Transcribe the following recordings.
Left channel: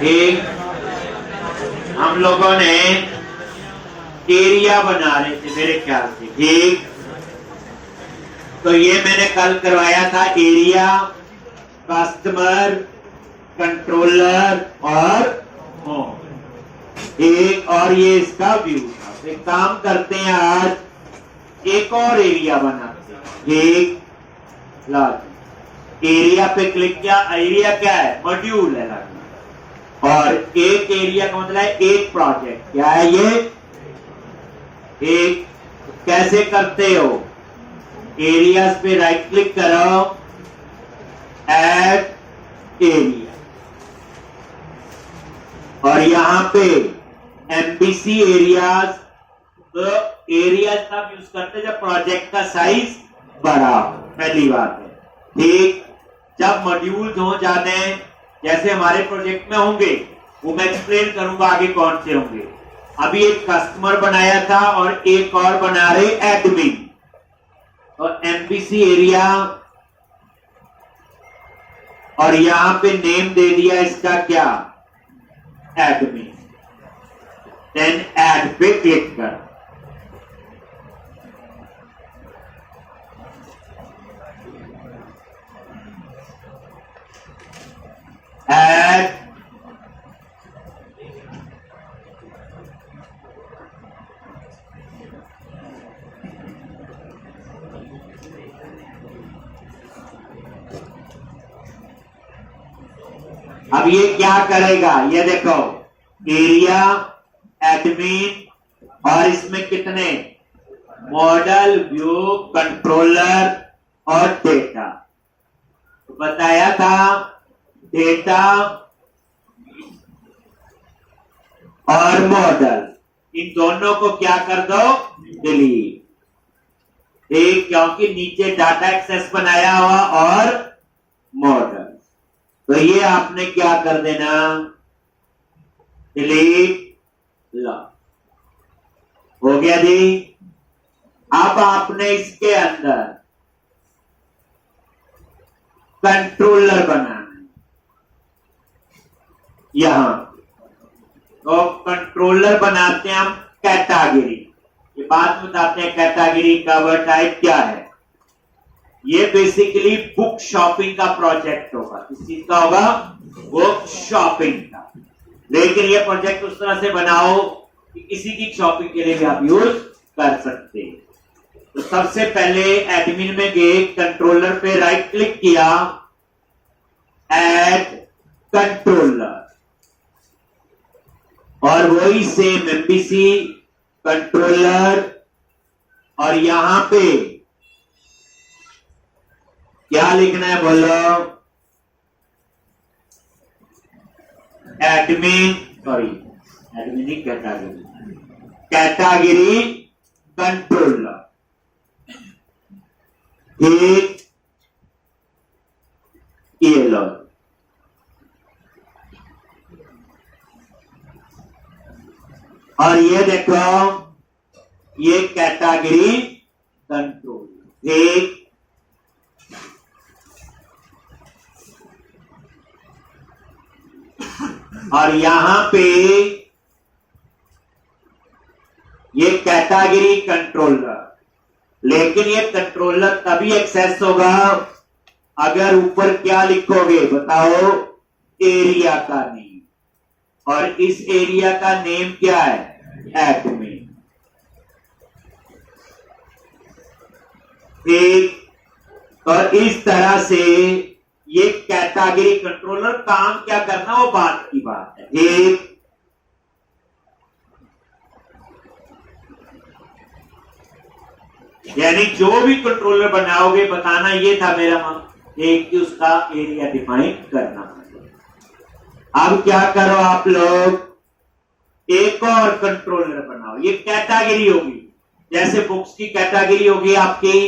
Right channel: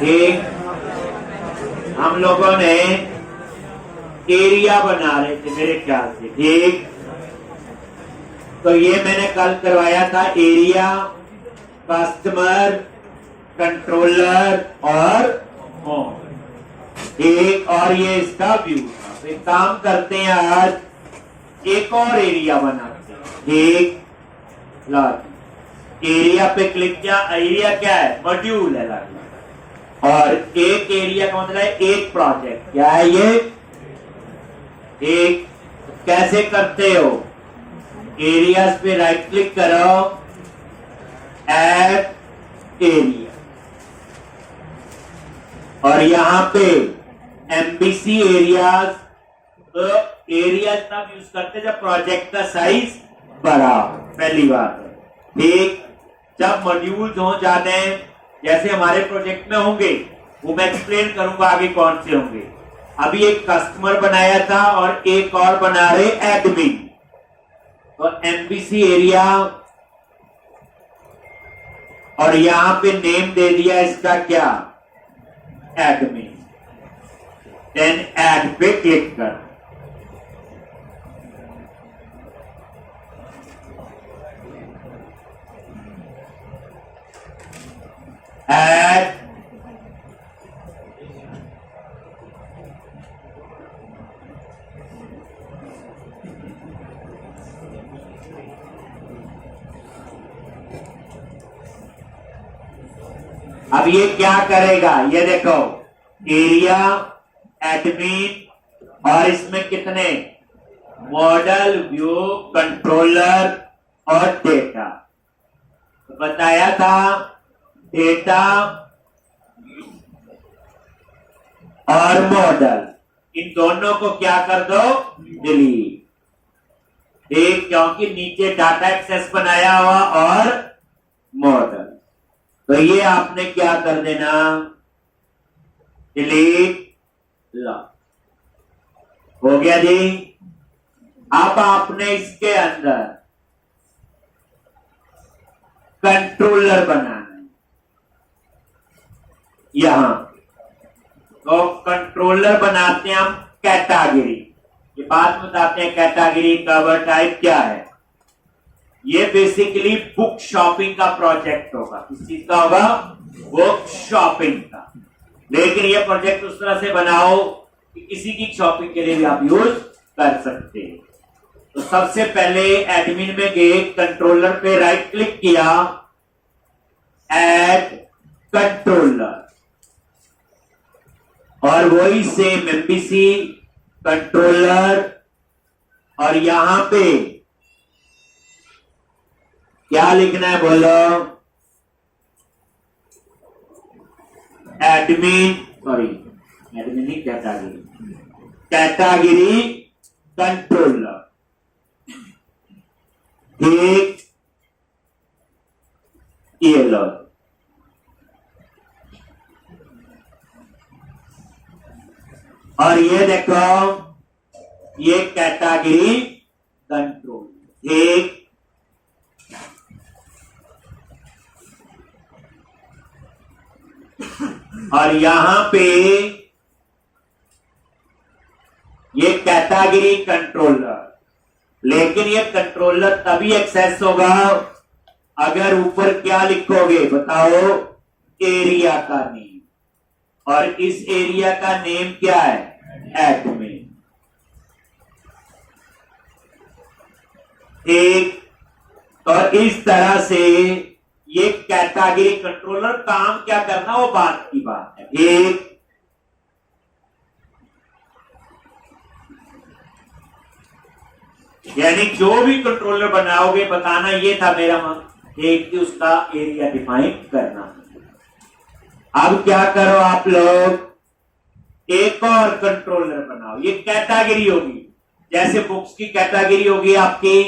एक हम लोगों ने एरिया बना रहे थे मेरे ख्याल से, ठीक। तो ये मैंने कल करवाया था एरिया, कस्टमर, कंट्रोलर और होम, एक और ये इसका व्यू। तो एक काम करते हैं, आज एक और एरिया बनाते हैं। एक एरिया पे क्लिक किया। एरिया क्या है? मॉड्यूल है लाइन। और एक एरिया का मतलब है एक प्रोजेक्ट। क्या है ये? एक। कैसे करते हो? एरियाज पे राइट क्लिक करो, ऐड एरिया, और यहां पे एमबीसी एरियाज। तो एरियाज तब यूज करते जब प्रोजेक्ट का साइज बड़ा हो, पहली बात है, ठीक। जब मॉड्यूल्स हो जाते हैं, जैसे हमारे प्रोजेक्ट में होंगे, वो मैं एक्सप्लेन करूंगा आगे कौन से होंगे। अभी एक कस्टमर बनाया था और एक और बना रहे एडमिन। तो एमबीसी एरिया, और यहां पे नेम दे दिया इसका क्या? एडमिन। देन ऐड पे क्लिक कर। ऐड, अब ये क्या करेगा? ये देखो, एरिया, एडमिन, और इसमें कितने? मॉडल, व्यू, कंट्रोलर और डेटा। तो बताया था डेटा और मॉडल, इन दोनों को क्या कर दो? डिलीट। एक, क्योंकि नीचे डाटा एक्सेस बनाया हुआ और मॉडल, तो ये आपने क्या कर देना? डिलीट। लॉक हो गया जी। अब आपने इसके अंदर कंट्रोलर बनाना है यहां। तो कंट्रोलर बनाते हैं हम कैटेगरी। ये बात बताते हैं कैटेगरी कवर टाइप क्या है। ये बेसिकली बुक शॉपिंग का प्रोजेक्ट होगा। किस चीज का होगा? बुक शॉपिंग का। लेकिन ये प्रोजेक्ट उस तरह से बनाओ कि किसी की शॉपिंग के लिए भी आप यूज कर सकते हैं। तो सबसे पहले एडमिन में गए, कंट्रोलर पे राइट क्लिक किया, ऐड कंट्रोलर, और वही सेम एमबीसी कंट्रोलर, और यहां पे क्या लिखना है बोलो? एडमिन, सॉरी एडमिन ही, कैटेगरी, कैटेगरी कंट्रोलर, ठीक। ये लो, और ये देखो, ये कैटेगरी कंट्रोल, ठीक। और यहां पे ये कैटेगरी कंट्रोलर, लेकिन ये कंट्रोलर तभी एक्सेस होगा अगर ऊपर क्या लिखोगे बताओ? एरिया का नेम, और इस एरिया का नेम क्या है? एडमिन, ठीक। तो इस तरह से ये कैटेगरी कंट्रोलर काम क्या करना, वो बात की बात है, ठीक। यानी जो भी कंट्रोलर बनाओगे, बताना ये था मेरा एक कि उसका एरिया डिफाइन करना। अब क्या करो आप लोग? एक और कंट्रोलर बनाओ। ये कैटेगरी होगी, जैसे बुक्स की कैटेगरी होगी आपकी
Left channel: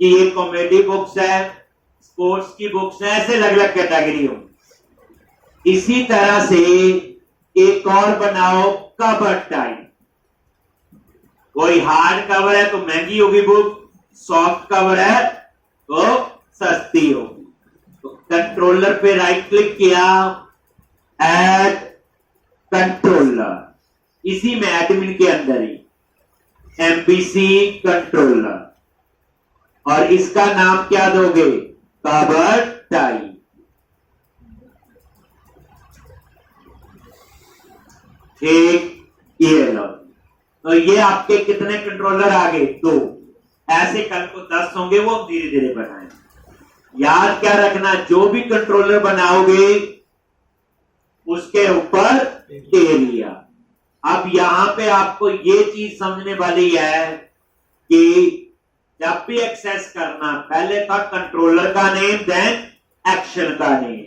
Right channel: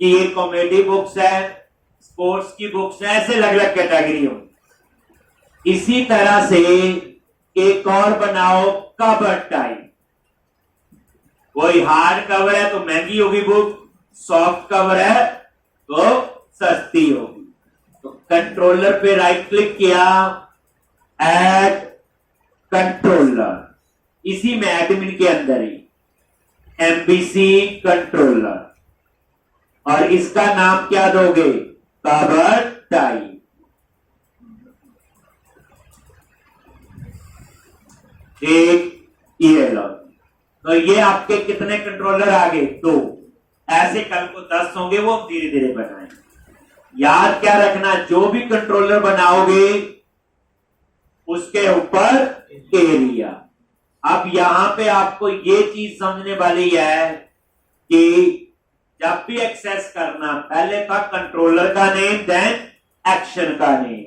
कि ये कॉमेडी बुक्स है, स्पोर्ट्स की बुक्स है, ऐसे अलग अलग कैटेगरी होगी। इसी तरह से एक और बनाओ कवर टाइप। कोई हार्ड कवर है तो महंगी होगी बुक, सॉफ्ट कवर है तो सस्ती होगी। तो कंट्रोलर पे राइट क्लिक किया, ऐड कंट्रोलर, इसी में एडमिन के अंदर ही एमबीसी कंट्रोलर, और इसका नाम क्या दोगे, कवर टाइप। एक ये लो, तो ये आपके कितने कंट्रोलर आ गए, 2। ऐसे कल को 10 होंगे, वो धीरे धीरे बनाएंगे। याद क्या रखना, जो भी कंट्रोलर बनाओगे उसके ऊपर एरिया। अब यहां पे आपको ये चीज समझने वाली है कि जब भी एक्सेस करना, पहले था कंट्रोलर का नेम, देन एक्शन का नेम।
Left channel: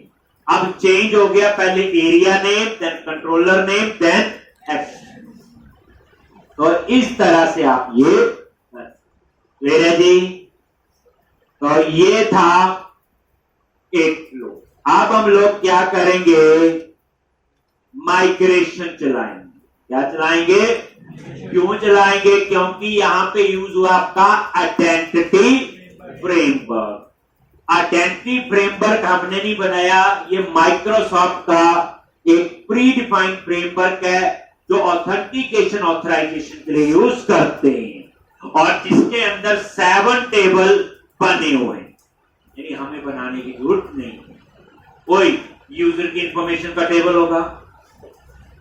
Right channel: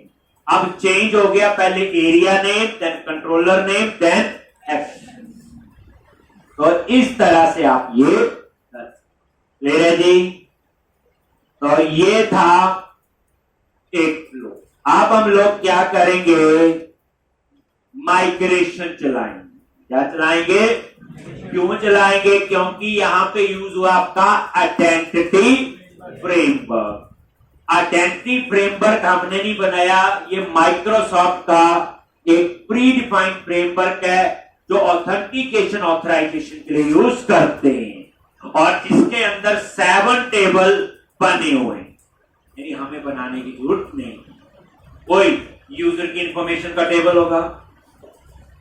अब चेंज हो गया, पहले area name, then controller name, then action. तो इस तरह से आप ये ले रहे जी। तो ये था एक फ्लो। अब हम लोग क्या करेंगे, माइग्रेशन चलाएंगे। क्या चलाएंगे, क्यों चलाएंगे, क्योंकि यहां पे यूज हुआ आपका आइडेंटिटी फ्रेमवर्क। आइडेंटिटी फ्रेमवर्क हमने नहीं बनाया, ये माइक्रोसॉफ्ट का एक प्री डिफाइंड फ्रेमवर्क है जो ऑथेंटिकेशन ऑथराइजेशन के लिए यूज करते हैं, और जिसके अंदर 7 टेबल बने हुए हैं। यानी हमें बनाने की जरूरत नहीं, कोई यूजर की इंफॉर्मेशन का टेबल होगा,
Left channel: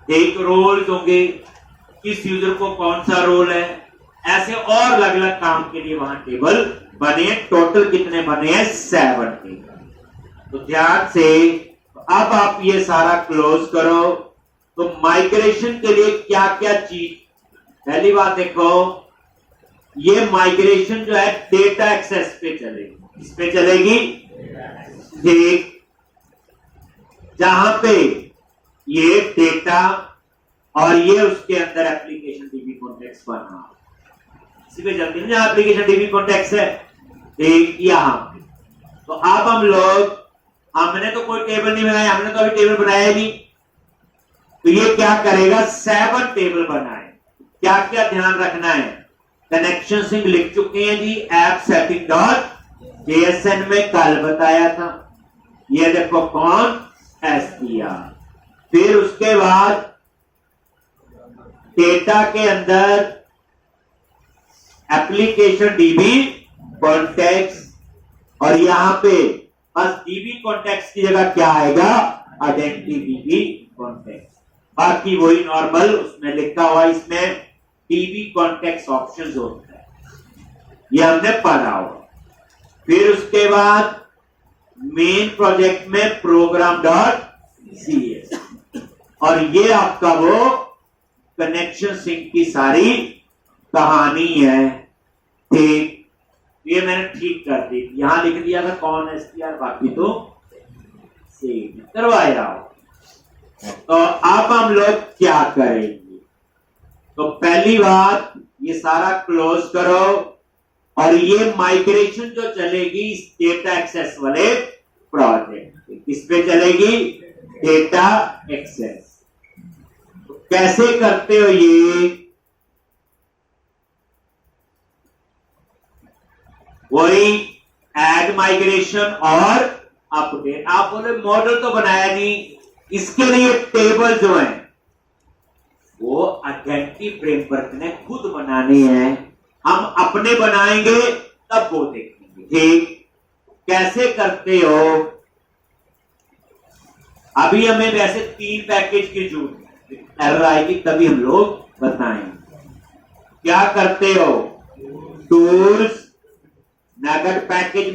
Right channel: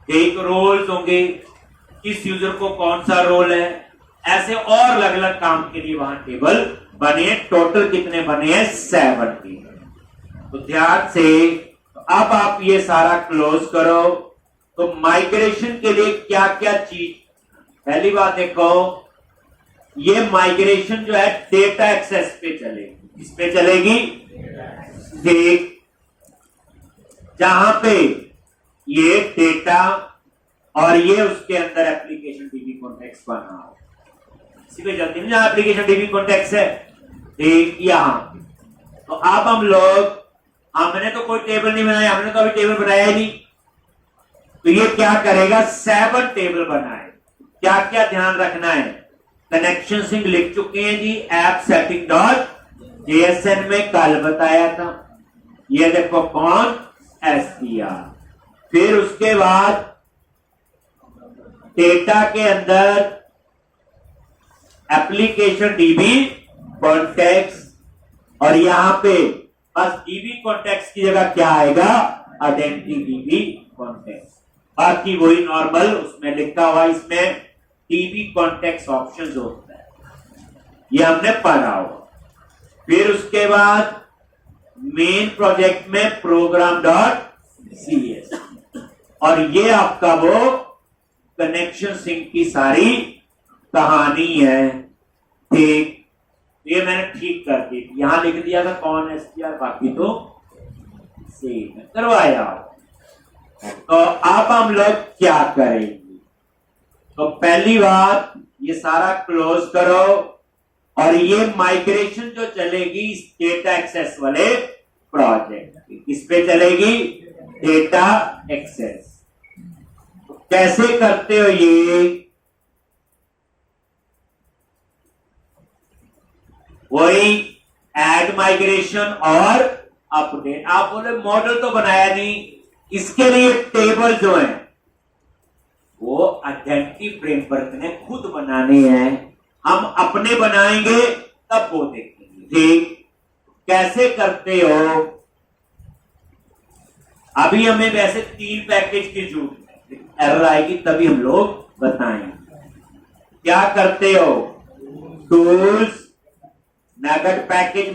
एक रोल्स होंगे, किस यूजर को कौन सा रोल है, ऐसे और अलग अलग काम के लिए वहां टेबल बने हैं। टोटल कितने बने हैं, 7 टेबल। तो ध्यान से, तो अब आप ये सारा क्लोज करो। तो माइग्रेशन के लिए क्या क्या चीज, पहली बात देखो, ये माइग्रेशन जो है डेटा एक्सेस पे चलेगी। इस पे चलेगी, देख जहां पे ये डेटा और ये उसके अंदर एप्लीकेशन डीबी कॉन्टेक्स्ट बना हो, इसी पे चलती है जहां एप्लीकेशन डीबी कॉन्टेक्स्ट है, ठीक यहां। तो अब हम लोग, हमने तो कोई टेबल नहीं बनाया, हमने तो अभी टेबल बनाया ही नहीं, तो ये क्या करेगा, 7 टेबल बनाए। क्या क्या ध्यान रखना है, कनेक्शन सिंक लिख चुके हैं जी, ऐप सेटिंग डॉट जेएसएन में कल बताया था। ये देखो कौन, एसपीआर। फिर उसके बाद डेटा के अंदर एप्लीकेशन डीबी कॉन्टेक्स्ट, और यहां पे बस डीबी कॉन्टेक्स्ट की जगह क्या आएगा, आइडेंटिटी डीबी कॉन्टेक्स्ट। बाकी वही नॉर्मल उसमें लिखा हुआ, इसमें डीबी कॉन्टेक्स्ट ऑप्शंस होता है, ये हमने पढ़ा हुआ। फिर उसके बाद मेन प्रोजेक्ट में प्रोग्राम डॉट सीएस, और ये आपका वो कनेक्शन सिंक की सारी कहानी है, ठीक। ये मैंने ठीक कर दी, यहां लिख दिया था कौन एसपीआर, बाकी तो सेम करवाया। तो अब हम लोग क्या करेंगे, तो पहली बात ये सारा क्लोज करो, और ये माइग्रेशन जो चलेगी डेटा एक्सेस वाले प्रोजेक्ट, किस पे चलेगी, डेटा एक्सेस। तो कैसे करते हो ये, वही ऐड माइग्रेशन और अपडेट। आप बोले मॉडल तो बनाया नहीं, इसके लिए टेबल जो है वो आइडेंटिटी फ्रेमवर्क ने खुद बनाने हैं, हम अपने बनाएंगे तब वो देखेंगे, ठीक। कैसे करते हो, अभी हमें वैसे 3 पैकेज की जरूरत है, एरर आएगी तभी हम लोग बताएंगे। क्या करते हो, टूल्स, नगद पैकेज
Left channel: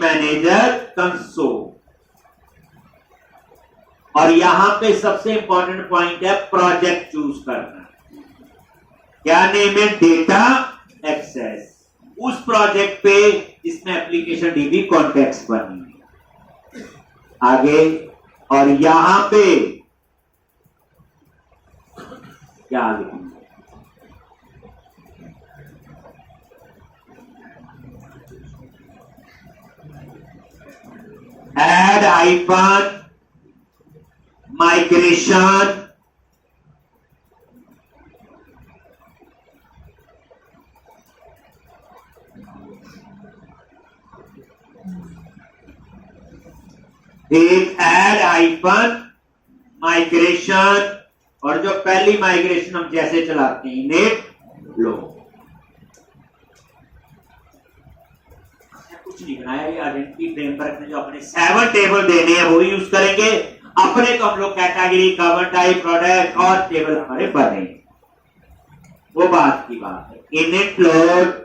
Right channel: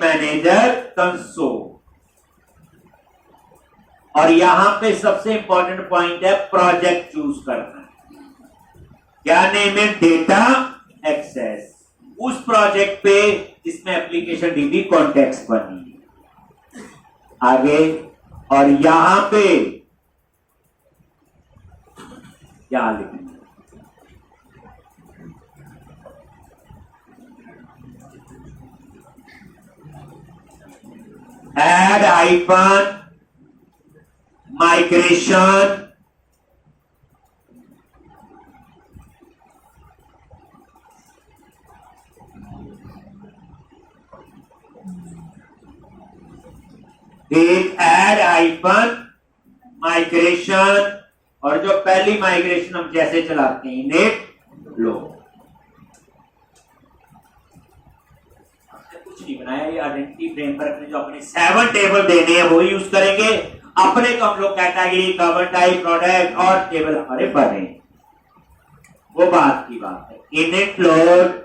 मैनेजर कंसोल, और यहां पे सबसे इंपॉर्टेंट पॉइंट है प्रोजेक्ट चूज करना। क्या नेम है, डेटा एक्सेस, उस प्रोजेक्ट पे जिसमें एप्लीकेशन डीबी कॉन्टेक्स्ट बनी है। आगे, और यहां पे क्या लिखेंगे, ऐड आइकन माइग्रेशन, एक ऐड आइकन माइग्रेशन, और जो पहली माइग्रेशन हम जैसे चलाते हैं नेट लो, कुछ नहीं बनाया। ये आइडेंटिटी फ्रेमवर्क में जो अपने 7 टेबल देने हैं वो यूज करेंगे। अपने को हम लोग कैटेगरी, कवर टाइप, प्रोडक्ट और टेबल हमारे बने, वो बात की बात है। इनिट लोड,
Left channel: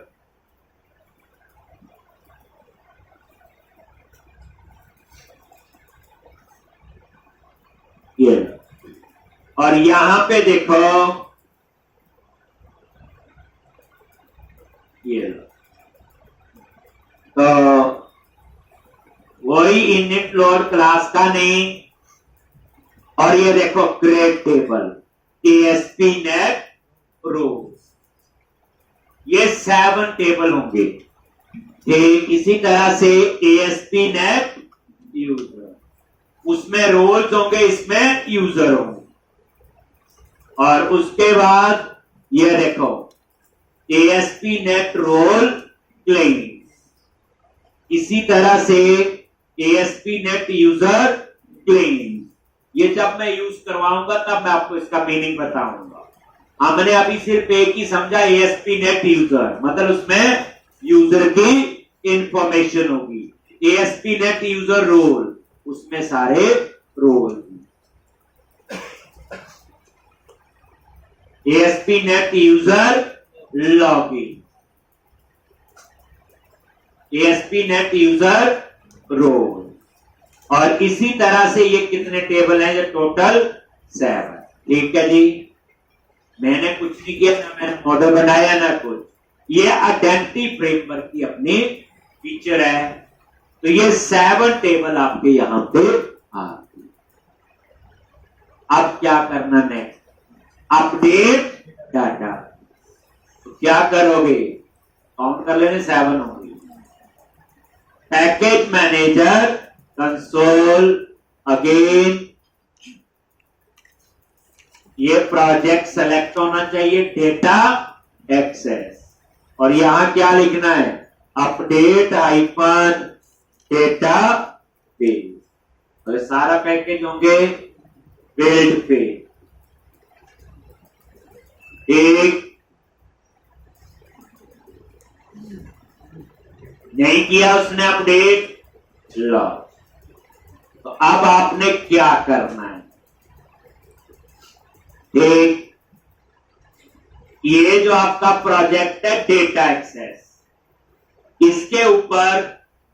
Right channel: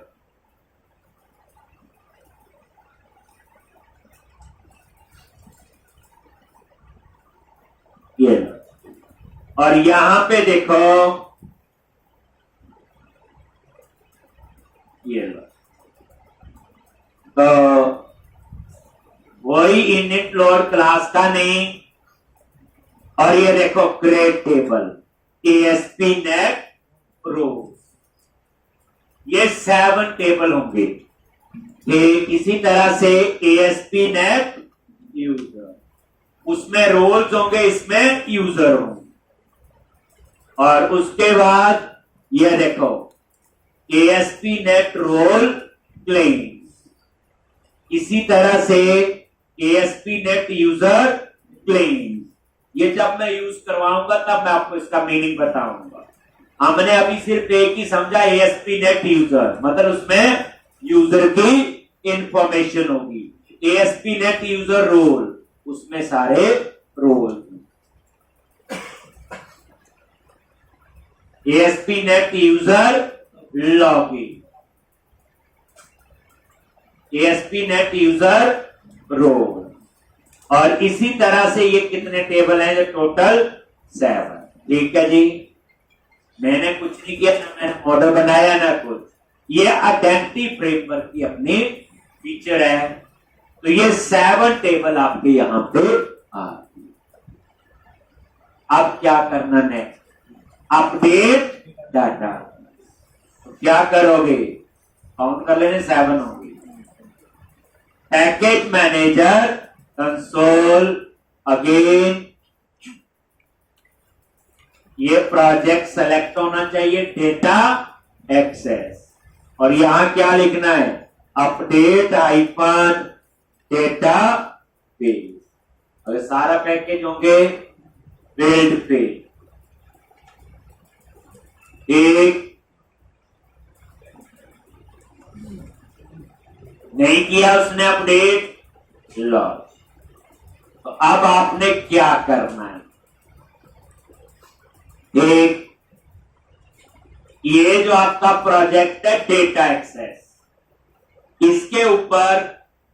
ये लो, और यहां पे देखो ये लो, तो वही इनिट लोड क्लास का नेम, और ये देखो क्रिएट टेबल ASP नेट रो, ये 7 टेबल होंगे। इसी तरह से ASP नेट यूजर, उसमें रोल्स होंगे, इसमें यूजर होंगे, और उसके बाद ये देखो ASP नेट रोल क्लेम, इसी तरह से ASP नेट यूजर क्लेम। ये जब मैं यूज करवाऊंगा तब मैं आपको इसका मीनिंग बताऊंगा। हमने अभी सिर्फ एक ही समझा, ASP नेट यूजर मतलब उसमें यूजर की इंफॉर्मेशन होगी। ASP नेट यूजर रोल, उसमें सारे role. ASP net user login, ASP net user role, और इसी तरह से ये कितने टेबल हैं? जो टोटल 7। ठीक है जी, मैंने कुछ नहीं किया, ना मैंने मॉडल बनाया ना कुछ। ये आइडेंटिटी फ्रेमवर्क की अपनी फीचर है। तो ये 7 टेबल आपके यहां पे आ गए। अब क्या करना नेक्स्ट? Update data. तो क्या करोगे? काउंट कर लेने, 7 होंगे। पैकेज मैनेजर कंसोल अगेन, ये प्रोजेक्ट सेलेक्ट होना चाहिए, डेटा एक्सेस, और यहां क्या लिखना है? Update icon data page. और सारा पैकेज होंगे बिल्ड पे। एक नहीं किया उसने अपडेट, लॉस। तो अब आपने क्या करना है? एक ये जो आपका प्रोजेक्ट है डेटा एक्सेस, इसके ऊपर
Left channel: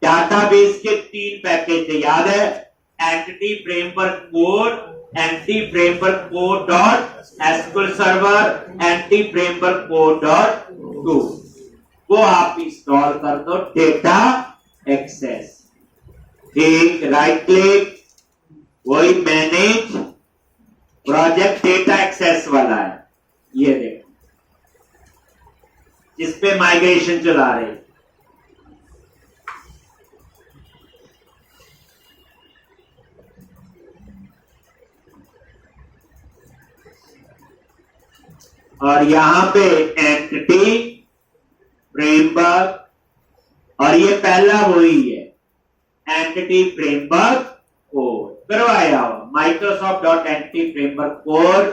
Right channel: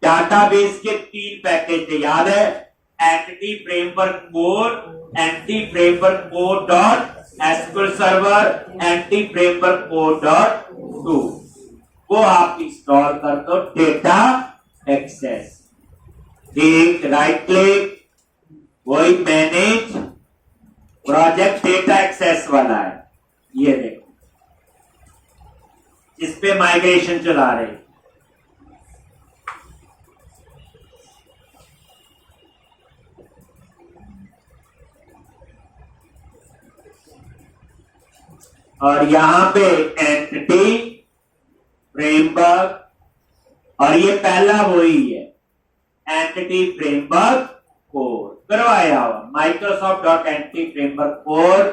डाटाबेस के 3 पैकेज है, याद है? Entity framework core, entity framework core dot SQL server, entity framework core dot to, वो आप इंस्टॉल कर दो। डेटा एक्सेस, ठीक, राइट क्लिक, वही मैनेज प्रोजेक्ट डेटा एक्सेस वाला है, ये देखो इस पे माइग्रेशन चला रहे। और यहां पे एंटिटी फ्रेमवर्क, और ये पहला वही है एंटिटी फ्रेमवर्क कोर करवाया हुआ, Microsoft dot entity framework core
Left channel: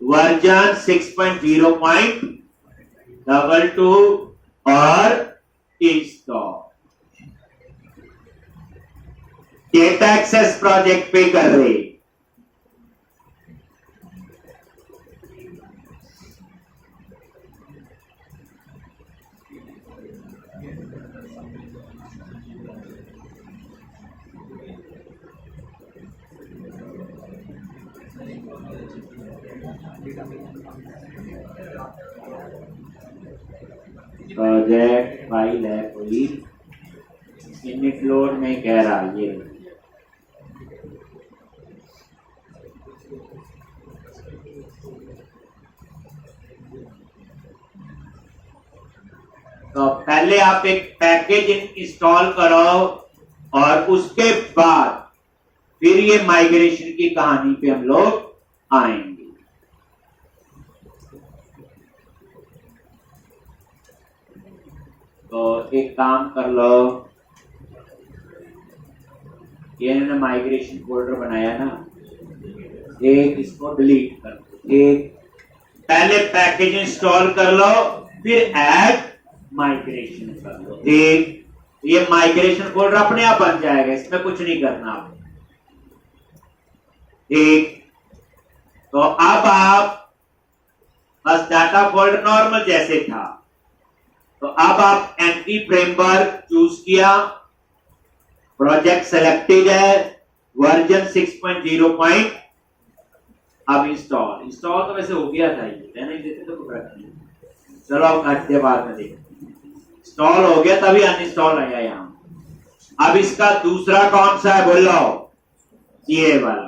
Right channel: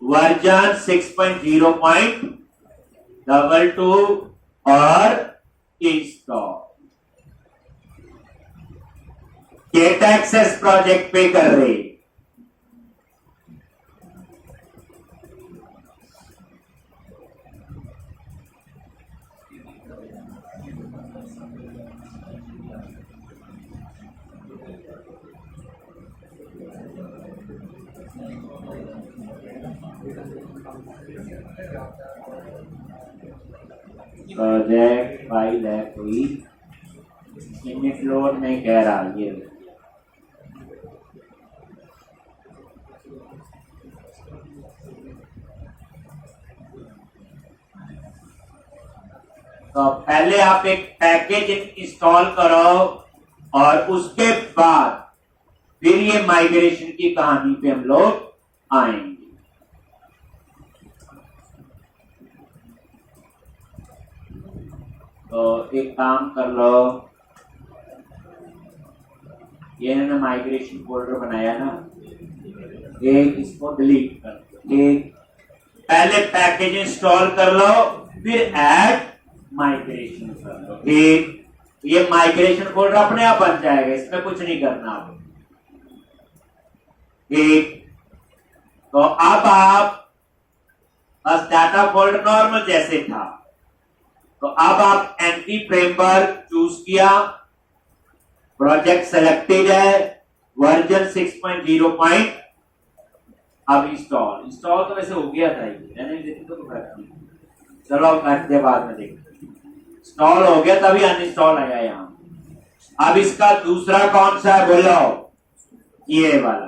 version 6.0.22 और इंस्टॉल। डेटा एक्सेस प्रोजेक्ट पे कर रहे। प्रोजेक्ट फाइल है कोई, इनिट लोड नहीं कह रहा, ये तो पहले आप एक पैकेज इंस्टॉल करो, और उसके बाद फिर ये माइग्रेशन की कहानी पे हम लोग आएंगे। तो एक काम कर लो, ये इन्होंने माइग्रेशन फोल्डर बनाया ना, एक इसको डिलीट कर दो। एक पहले पैकेज इंस्टॉल कर लो, फिर ऐड माइग्रेशन कर लो। ठीक, ये माइग्रेशन फोल्डर अपने आप बन जाएगा, इसमें कुछ नहीं करना आप। ठीक, तो अब आप बस डाटा फोल्डर नॉर्मल जैसे था, तो अब आप एंटी फ्रेमवर्क चूज किया, प्रोजेक्ट सेलेक्टेड है, वर्जन 6.0. अब इंस्टॉल तो वैसे हो गया था, ये रहने देते तो कोई फर्क नहीं। चलो अब घंटे बाद में देखते, इंस्टॉल हो गया तभी अनइंस्टॉल आया यहाँ। अब इसका दूसरा कौन सा है बोलो, ये वाला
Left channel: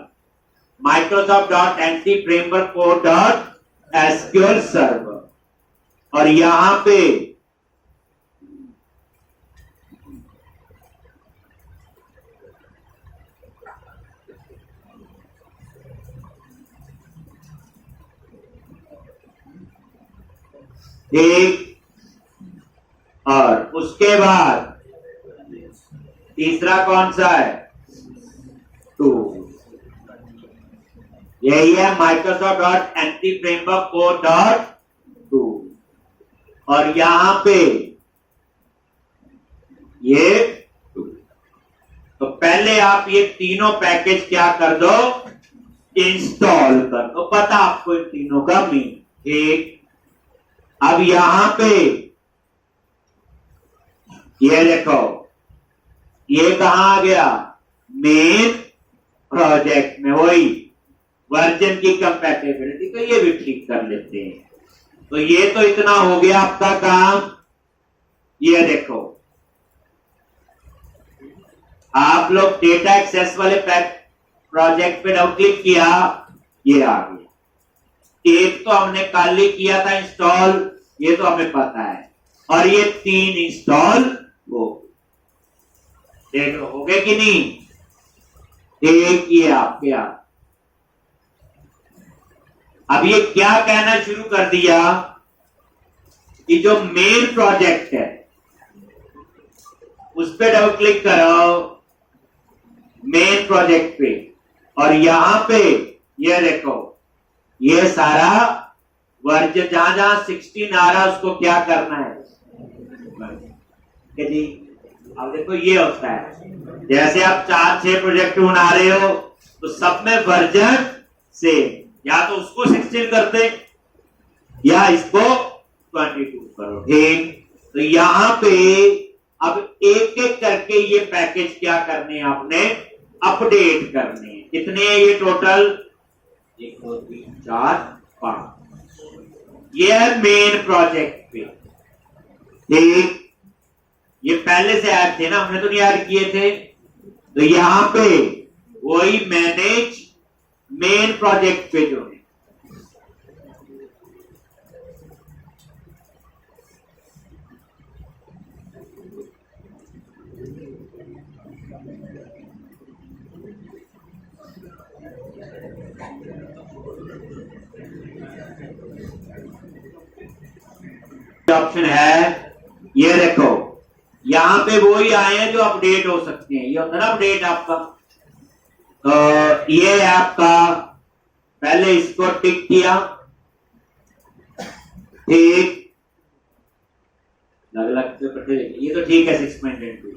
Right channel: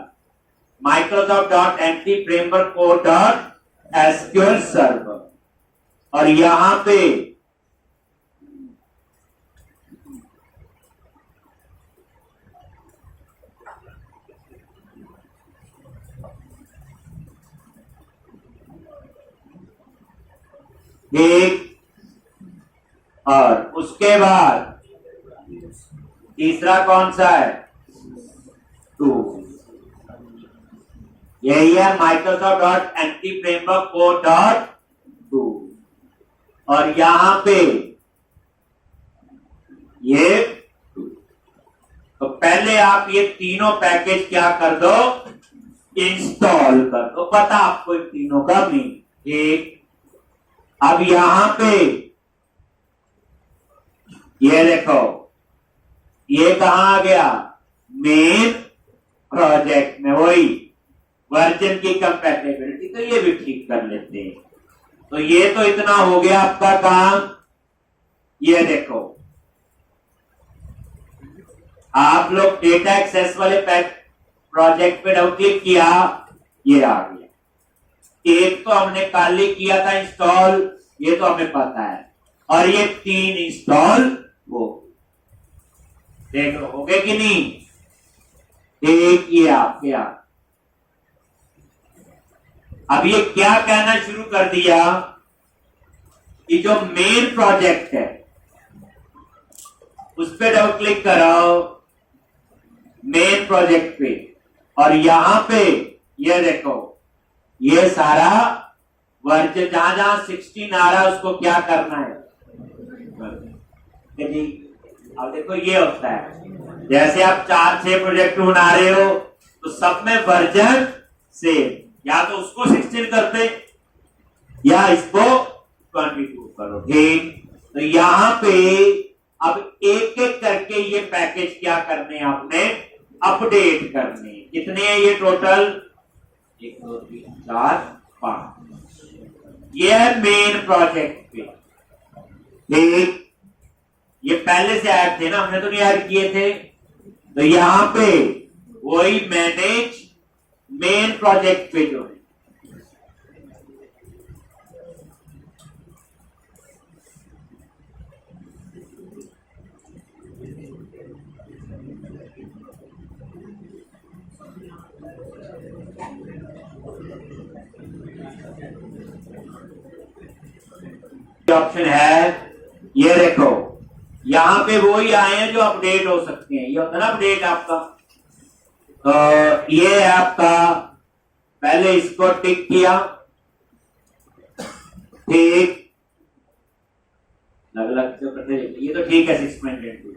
Microsoft.anti-framework.sql सर्वर। और यहां पे एक, और उसके बाद तीसरा कौन सा है, 2। यही है Microsoft.anti-framework.2। और यहां पे ये 2। तो पहले आप ये तीनों पैकेज क्या कर दो, इंस्टॉल कर दो, पता आपको इन तीनों का मीन। ठीक, अब यहां पे ये देखो, ये कहां आ गया, मेन प्रोजेक्ट में, वही वर्जन की कंपैटिबिलिटी, तो ये भी ठीक कर लेते हैं। तो ये तो इतना हो गया आपका काम। ये देखो, आप लोग डेटा एक्सेस वाले प्रोजेक्ट पे डबल क्लिक किया, ये आ गया। एक तो हमने कल ही किया था इंस्टॉल, ये तो हमें पता है, और ये 3 इंस्टॉल हो, देख लो हो गए कि नहीं। एक ये आपके आप, अब ये क्या कहना शुरू कर दिया कि जो मेन प्रोजेक्ट है उस पे डबल क्लिक करो, मेन प्रोजेक्ट पे, और यहां पे ये देखो, ये सारा वर्जन जहां जहां 16 आ रहा है उसको क्या करना है जी। अब देखो ये होता है, जैसे आप 4-6 प्रोजेक्ट बना रहे हो तो सब में वर्जन से या तो उसको 16 करते या इसको 22 करो। ठीक, तो यहां पे अब एक एक करके ये पैकेज क्या करने हैं आपने, अपडेट करने। कितने हैं ये टोटल, 1 2 3 4 5। ये है मेन प्रोजेक्ट पे। ठीक, ये पहले से ऐड थे ना, हमने तो नहीं ऐड किए थे, तो यहां पे वही मैनेज मेन प्रोजेक्ट पे जो है, ऑप्शन है। ये देखो यहां पे वो ही आए हैं जो अपडेट हो सकते हैं, ये होता है ना अपडेट आपका। तो ये है आपका, पहले इसको टिक किया, ठीक, अलग अलग से पढ़ते, ये तो ठीक है 6.2।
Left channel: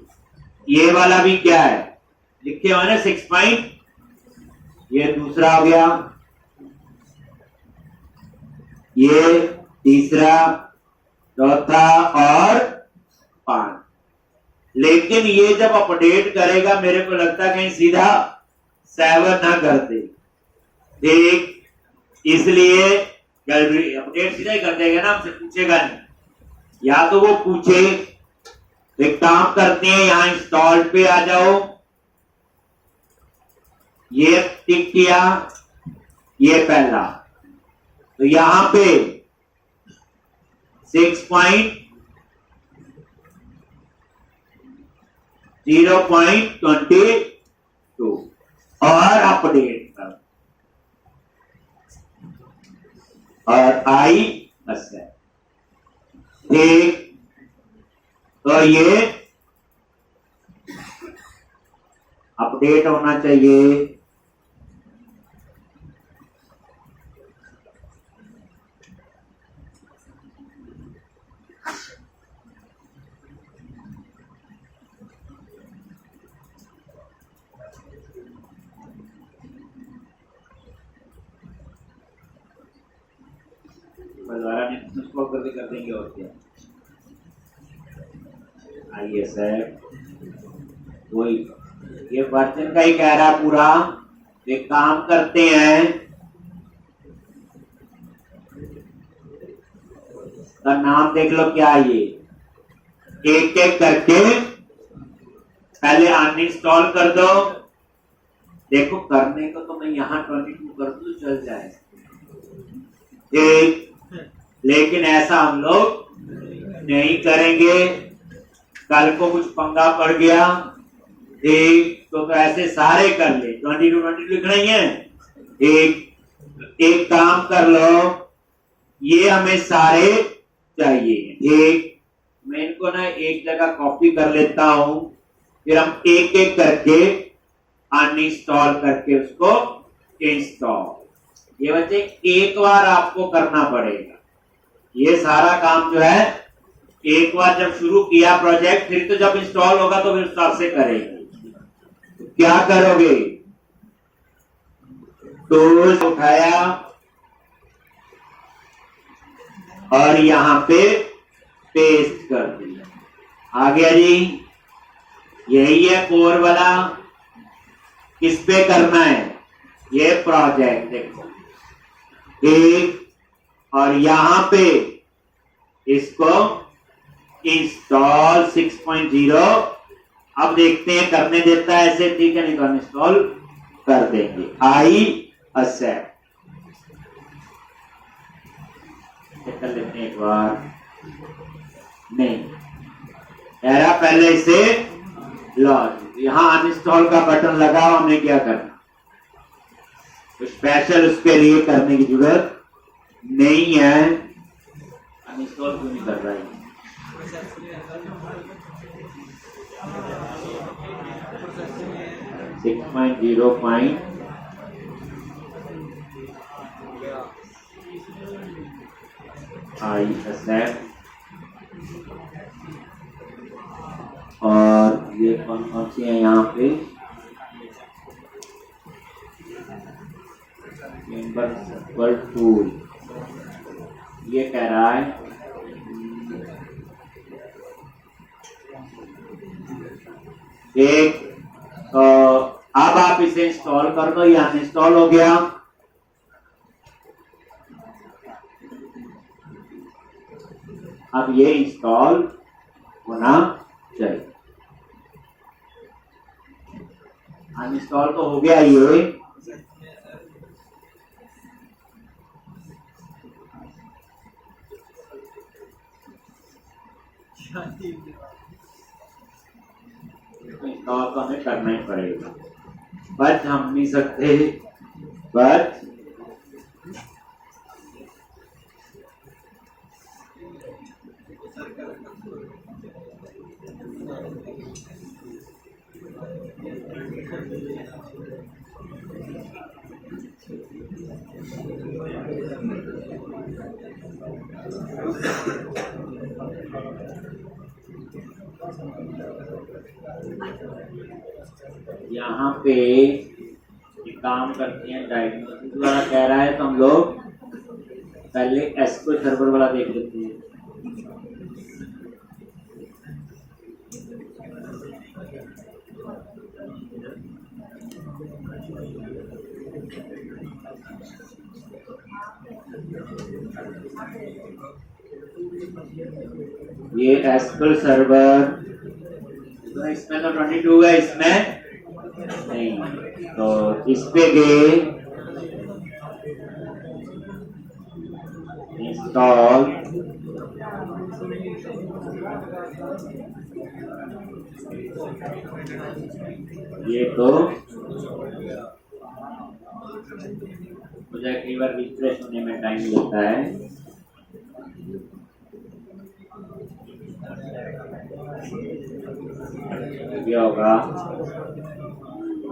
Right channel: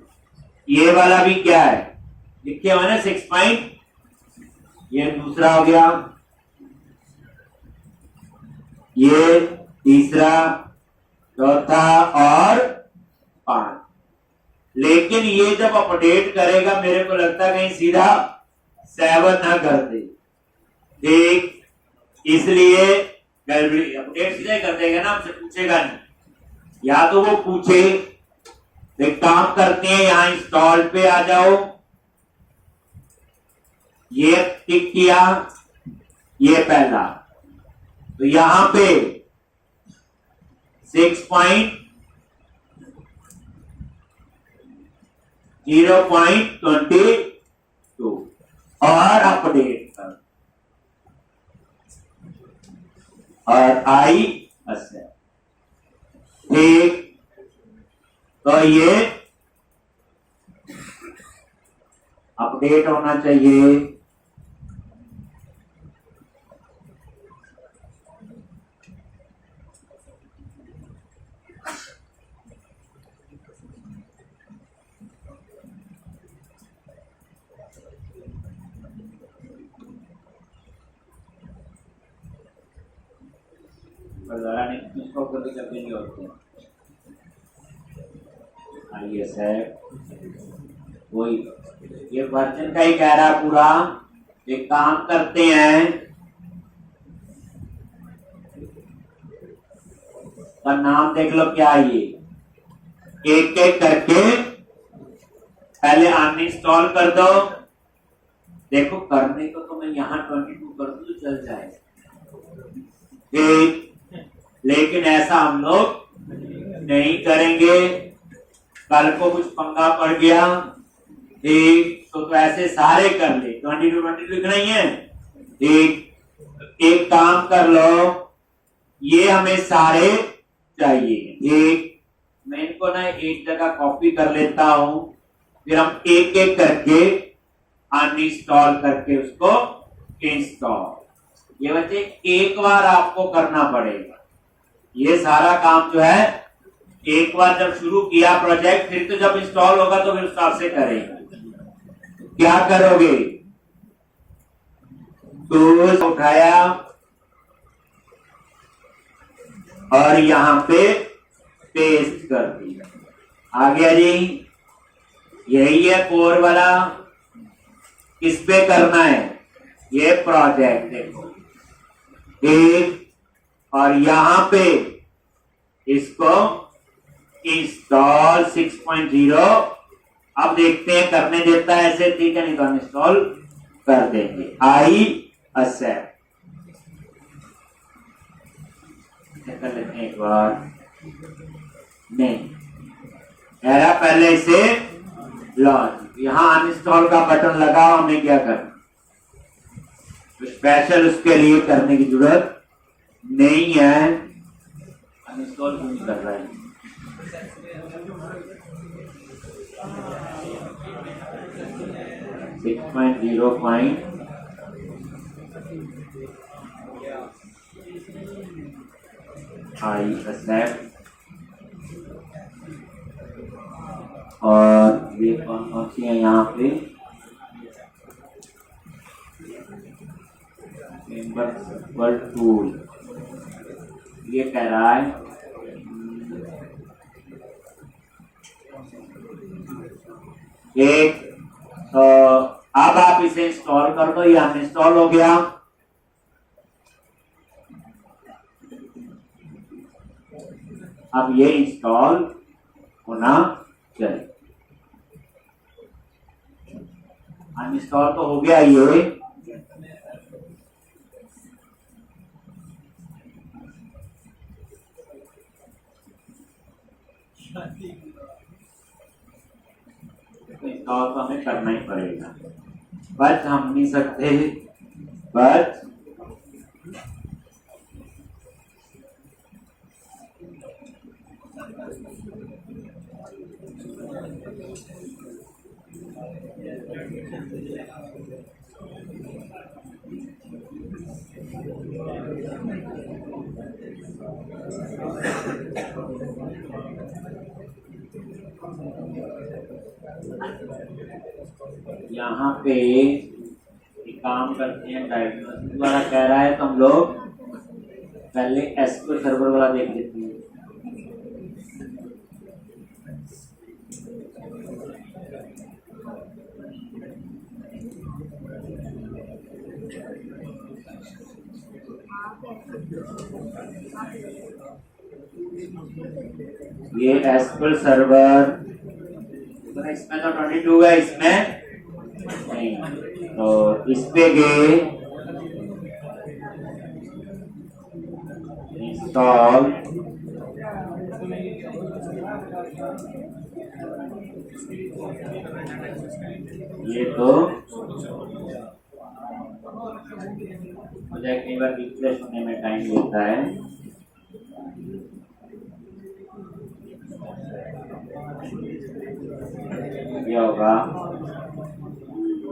ये वाला भी क्या है, लिखे हुआ ना 6. ये दूसरा हो गया, ये तीसरा, चौथा और 5। लेकिन ये जब अपडेट करेगा मेरे को लगता है कहीं सीधा 7 ना कर दे। ठीक, इसलिए अपडेट सीधा ही कर देगा ना, हमसे पूछेगा नहीं, या तो वो पूछे। एक काम करते हैं, यहां इंस्टॉल पे आ जाओ, ये टिक किया, ये पहला, तो यहां पे 6.0.22 और अपडेट कर, और आई अच्छा। ठीक, तो ये अपडेट होना चाहिए। दोबारा उसको कर देंगे और क्या। आइए सर, वही ये वर्जन का ही कह रहा पूरा। एक काम करते हैं, का नाम देख लो क्या है ये। एक एक करके पहले अनइंस्टॉल कर दो। देखो करने को तो मैं यहाँ 22 कर दूं चल जाए, ठीक, लेकिन ऐसा हम लोग नहीं करेंगे। कल को कुछ पंगा पड़ गया, ठीक, तो ऐसे सारे कर ले। 22 लिख रही है, एक काम कर लो, ये हमें सारे चाहिए, ठीक। मैं इनको ना एक जगह कॉपी कर लेता हूं, फिर हम एक एक करके अनइंस्टॉल करके उसको इंस्टॉल। ये बच्चे एक बार आपको करना पड़ेगा। ये सारा काम जो है एक बार जब शुरू किया प्रोजेक्ट, फिर तो जब इंस्टॉल होगा तो फिर उससे से करेंगे। तो क्या करोगे, तो उठाया और यहां पे पेस्ट कर दिया। आ गया जी, यही है कोर वाला। किस पे करना है ये प्रोजेक्ट, देखो एक, और यहां पे इसको इंस्टॉल 6.0। अब देखते हैं करने देता है ऐसे, ठीक है, नहीं तो इंस्टॉल कर देंगे। आई एक्सेप्ट कर लेते हैं एक बार। नहीं era पहले इसे लॉन्च, यहां अनइंस्टॉल का बटन लगा, हमें क्या करना, तो स्पेशल उसके लिए करने की जरूरत नहीं है। अनइंस्टॉल क्यों नहीं कर रहा है, I accept। और ये कौन कौन सी है यहाँ पे, मेंबर सर्वर टूल, ये कह रहा है एक, अब आप इसे इंस्टॉल कर दो। ये अनइंस्टॉल हो गया। अब ये इंस्टॉल होना चाहिए। अनइंस्टॉल तो हो गया ये, इंस्टॉल तो हमें करना ही पड़ेगा, बट हम नहीं सकते, बट यहाँ पे एक काम करते हैं, डायग्नोसिस वाला कह रहा है तो हम लोग पहले एसक्यूएल सर्वर वाला देख लेते हैं। ये एसक्यूएल सर्वर इसमें तो 22 है, इसमें नहीं, तो इस पे गए इंस्टॉल, ये तो मुझे कई बार रिफ्रेश होने में टाइम लेता है। क्या होगा,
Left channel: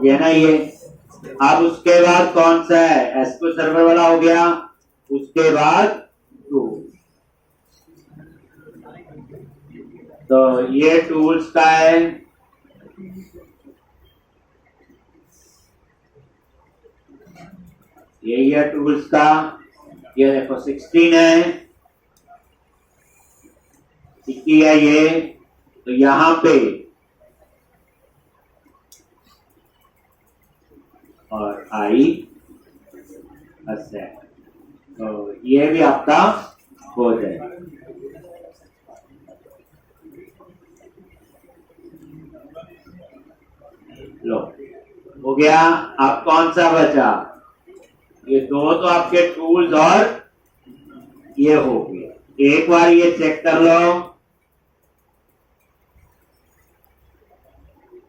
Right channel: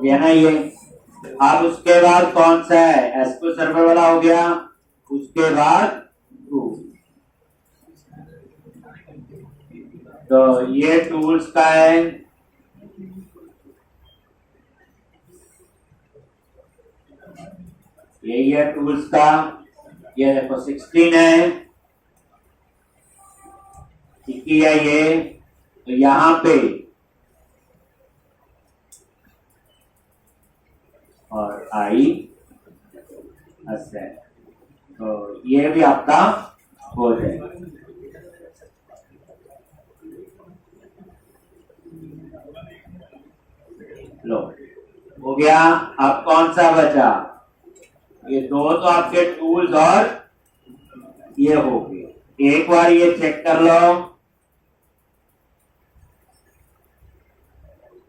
ये ना ये। अब उसके बाद कौन सा है, एसक्यू सर्वर वाला हो गया, उसके बाद टूल। तो ये टूल्स का है, यही है टूल्स का। ये देखो 16 है, इक्की है ये। तो यहां पे और आई असेट, तो ये भी आपका हो जाएगा। लो हो गया। अब कौन सा बचा, ये दो तो आपके टूल्स और ये हो गए। एक बार ये चेक कर लो,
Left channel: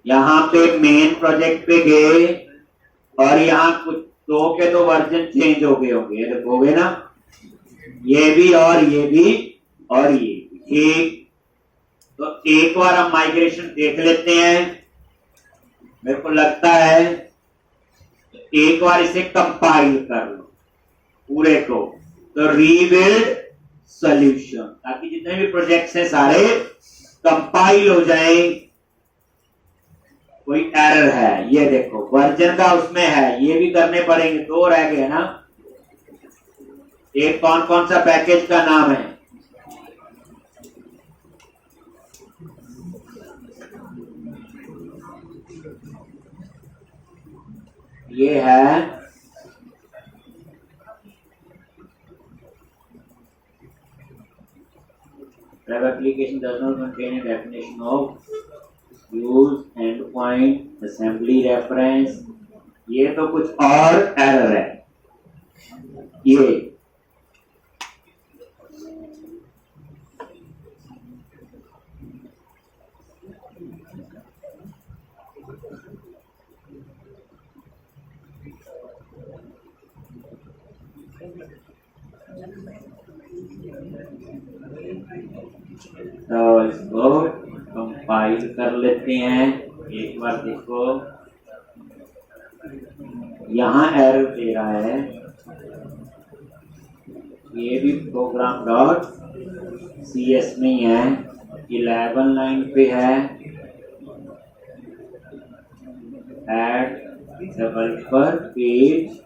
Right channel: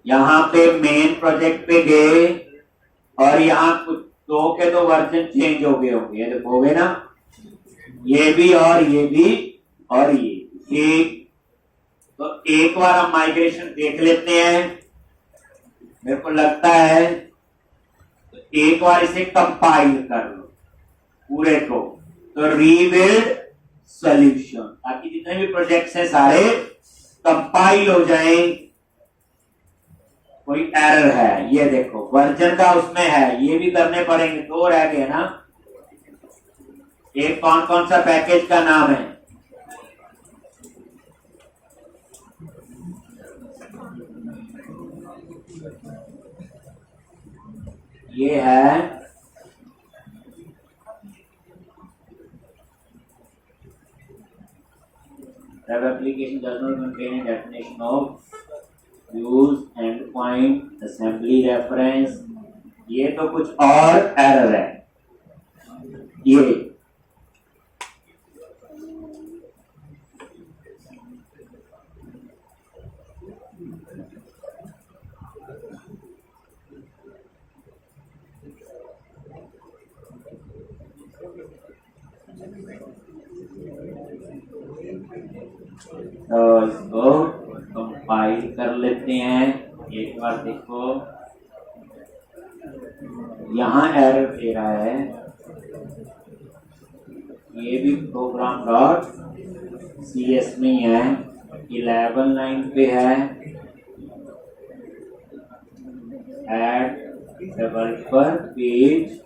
यहां पे मेन प्रोजेक्ट पे गए और यहाँ कुछ दो के तो वर्जन चेंज हो गए होंगे, ये देखोगे ना, ये भी और ये भी और ये भी। ठीक, तो एक बार हम माइग्रेशन देख लेते हैं। मेरे को लगता है तो एक बार इसे कंपाइल कर लो पूरे को, तो रीबिल्ड सॉल्यूशन, ताकि जितने भी प्रोजेक्ट्स हैं सारे कंपाइल हो जाएं। कोई एरर है, ये देखो वर्जन का उसमें है, ये भी करने पड़ेंगे, दो रह गए ना। एक कौन कौन सा पैकेज का नाम है, ये है web application does not contain a definition of use endpoint assembly reference। ये तो कुछ और एरर है ये। तो इसको कंपाइल कर लेते हैं। एक बार देखो, यहाँ एरर दे रहा है, ये भी प्रोग्राम डॉट CS में ही है, 11 लाइन पे है। ऐड डेवलपर पेज,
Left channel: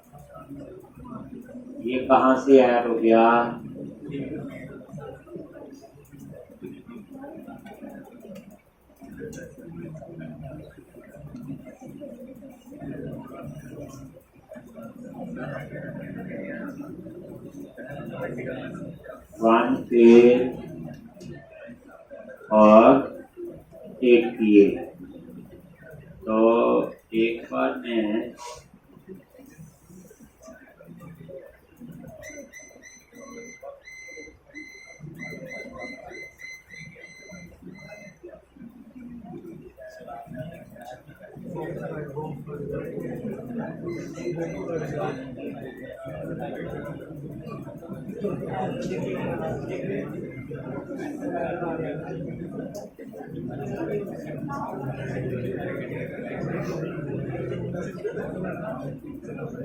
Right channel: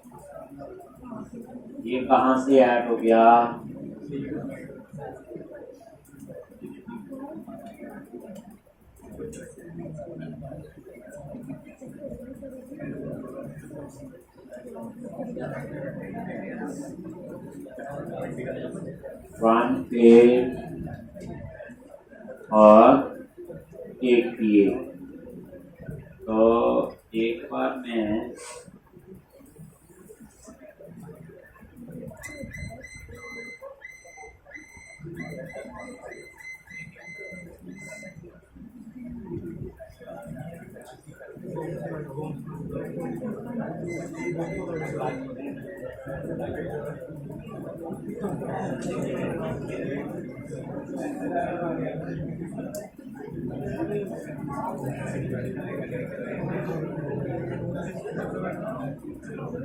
ये कहाँ से ऐड हो गया, फ्रंट पेज और एक किए। तो एक बार मैं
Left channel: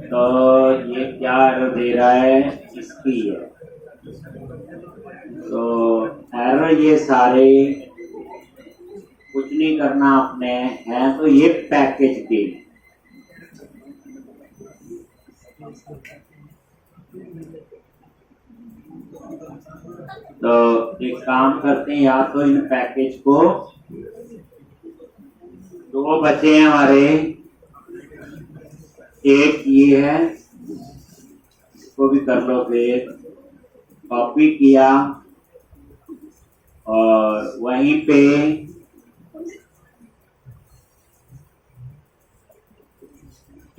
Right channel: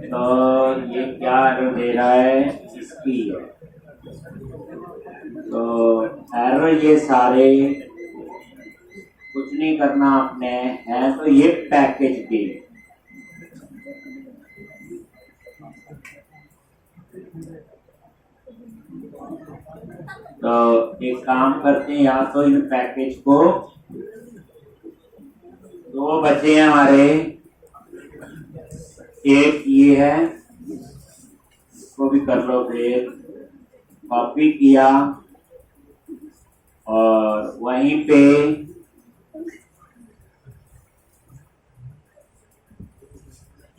तो ये क्या एरर दे रहा है, इसकी है। तो एरर ये सारे कुछ नहीं करना आपने है, तो ये पैकेज के तो एक काम करते हैं, या तो इन पैकेज को, दो बचे हैं हमारे, एक ये है, इसको भी कर लो, फिर कॉपी किया और वहीं पे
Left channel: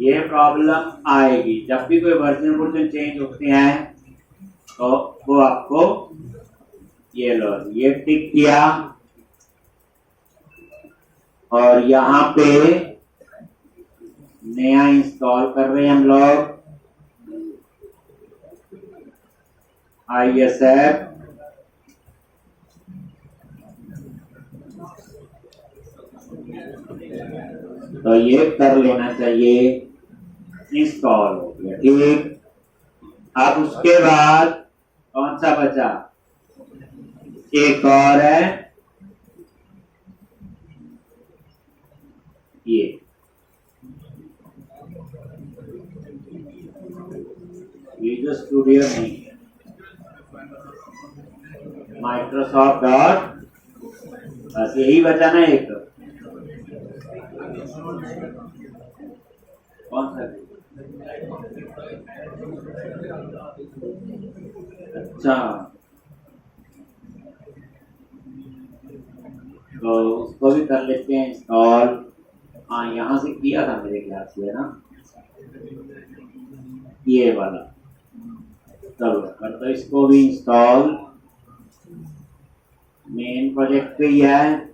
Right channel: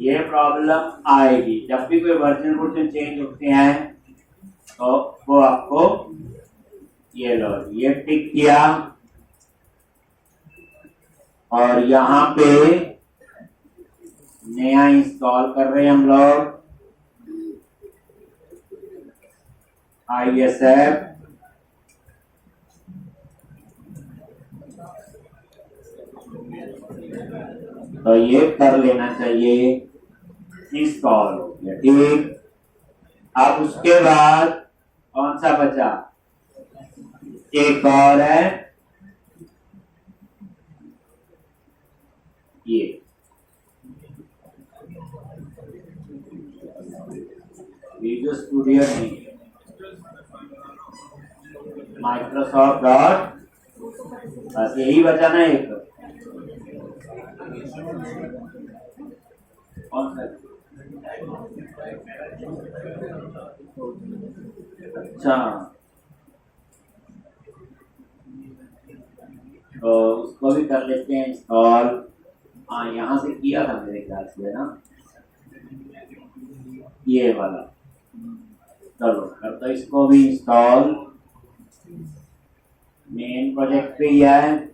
ये प्रॉब्लम आएगी। जब भी कोई वर्जन चेंज होते हैं तो वो आपको ये लो, ये टिक किया और यहाँ पे नया इंस्टॉल कर रहे हैं हम लोग ISF। तो ये कर लेना चाहिए, इंस्टॉल हो गया। ठीक, अब उसके बाद कौन सा बचा, एक और है ये, विजुअल स्टूडियो नहीं, माइक्रोसॉफ्ट डॉट, बस यही बचा ना एक, कौन सा, अच्छा तो उसको भी कर लेते हैं इंस्टॉल। हाँ यहां से किया था मेरे ख्याल से, है ना, ये वाला। चलो करता इसको भी इंस्टॉल, मेन प्रोजेक्ट पे ही है,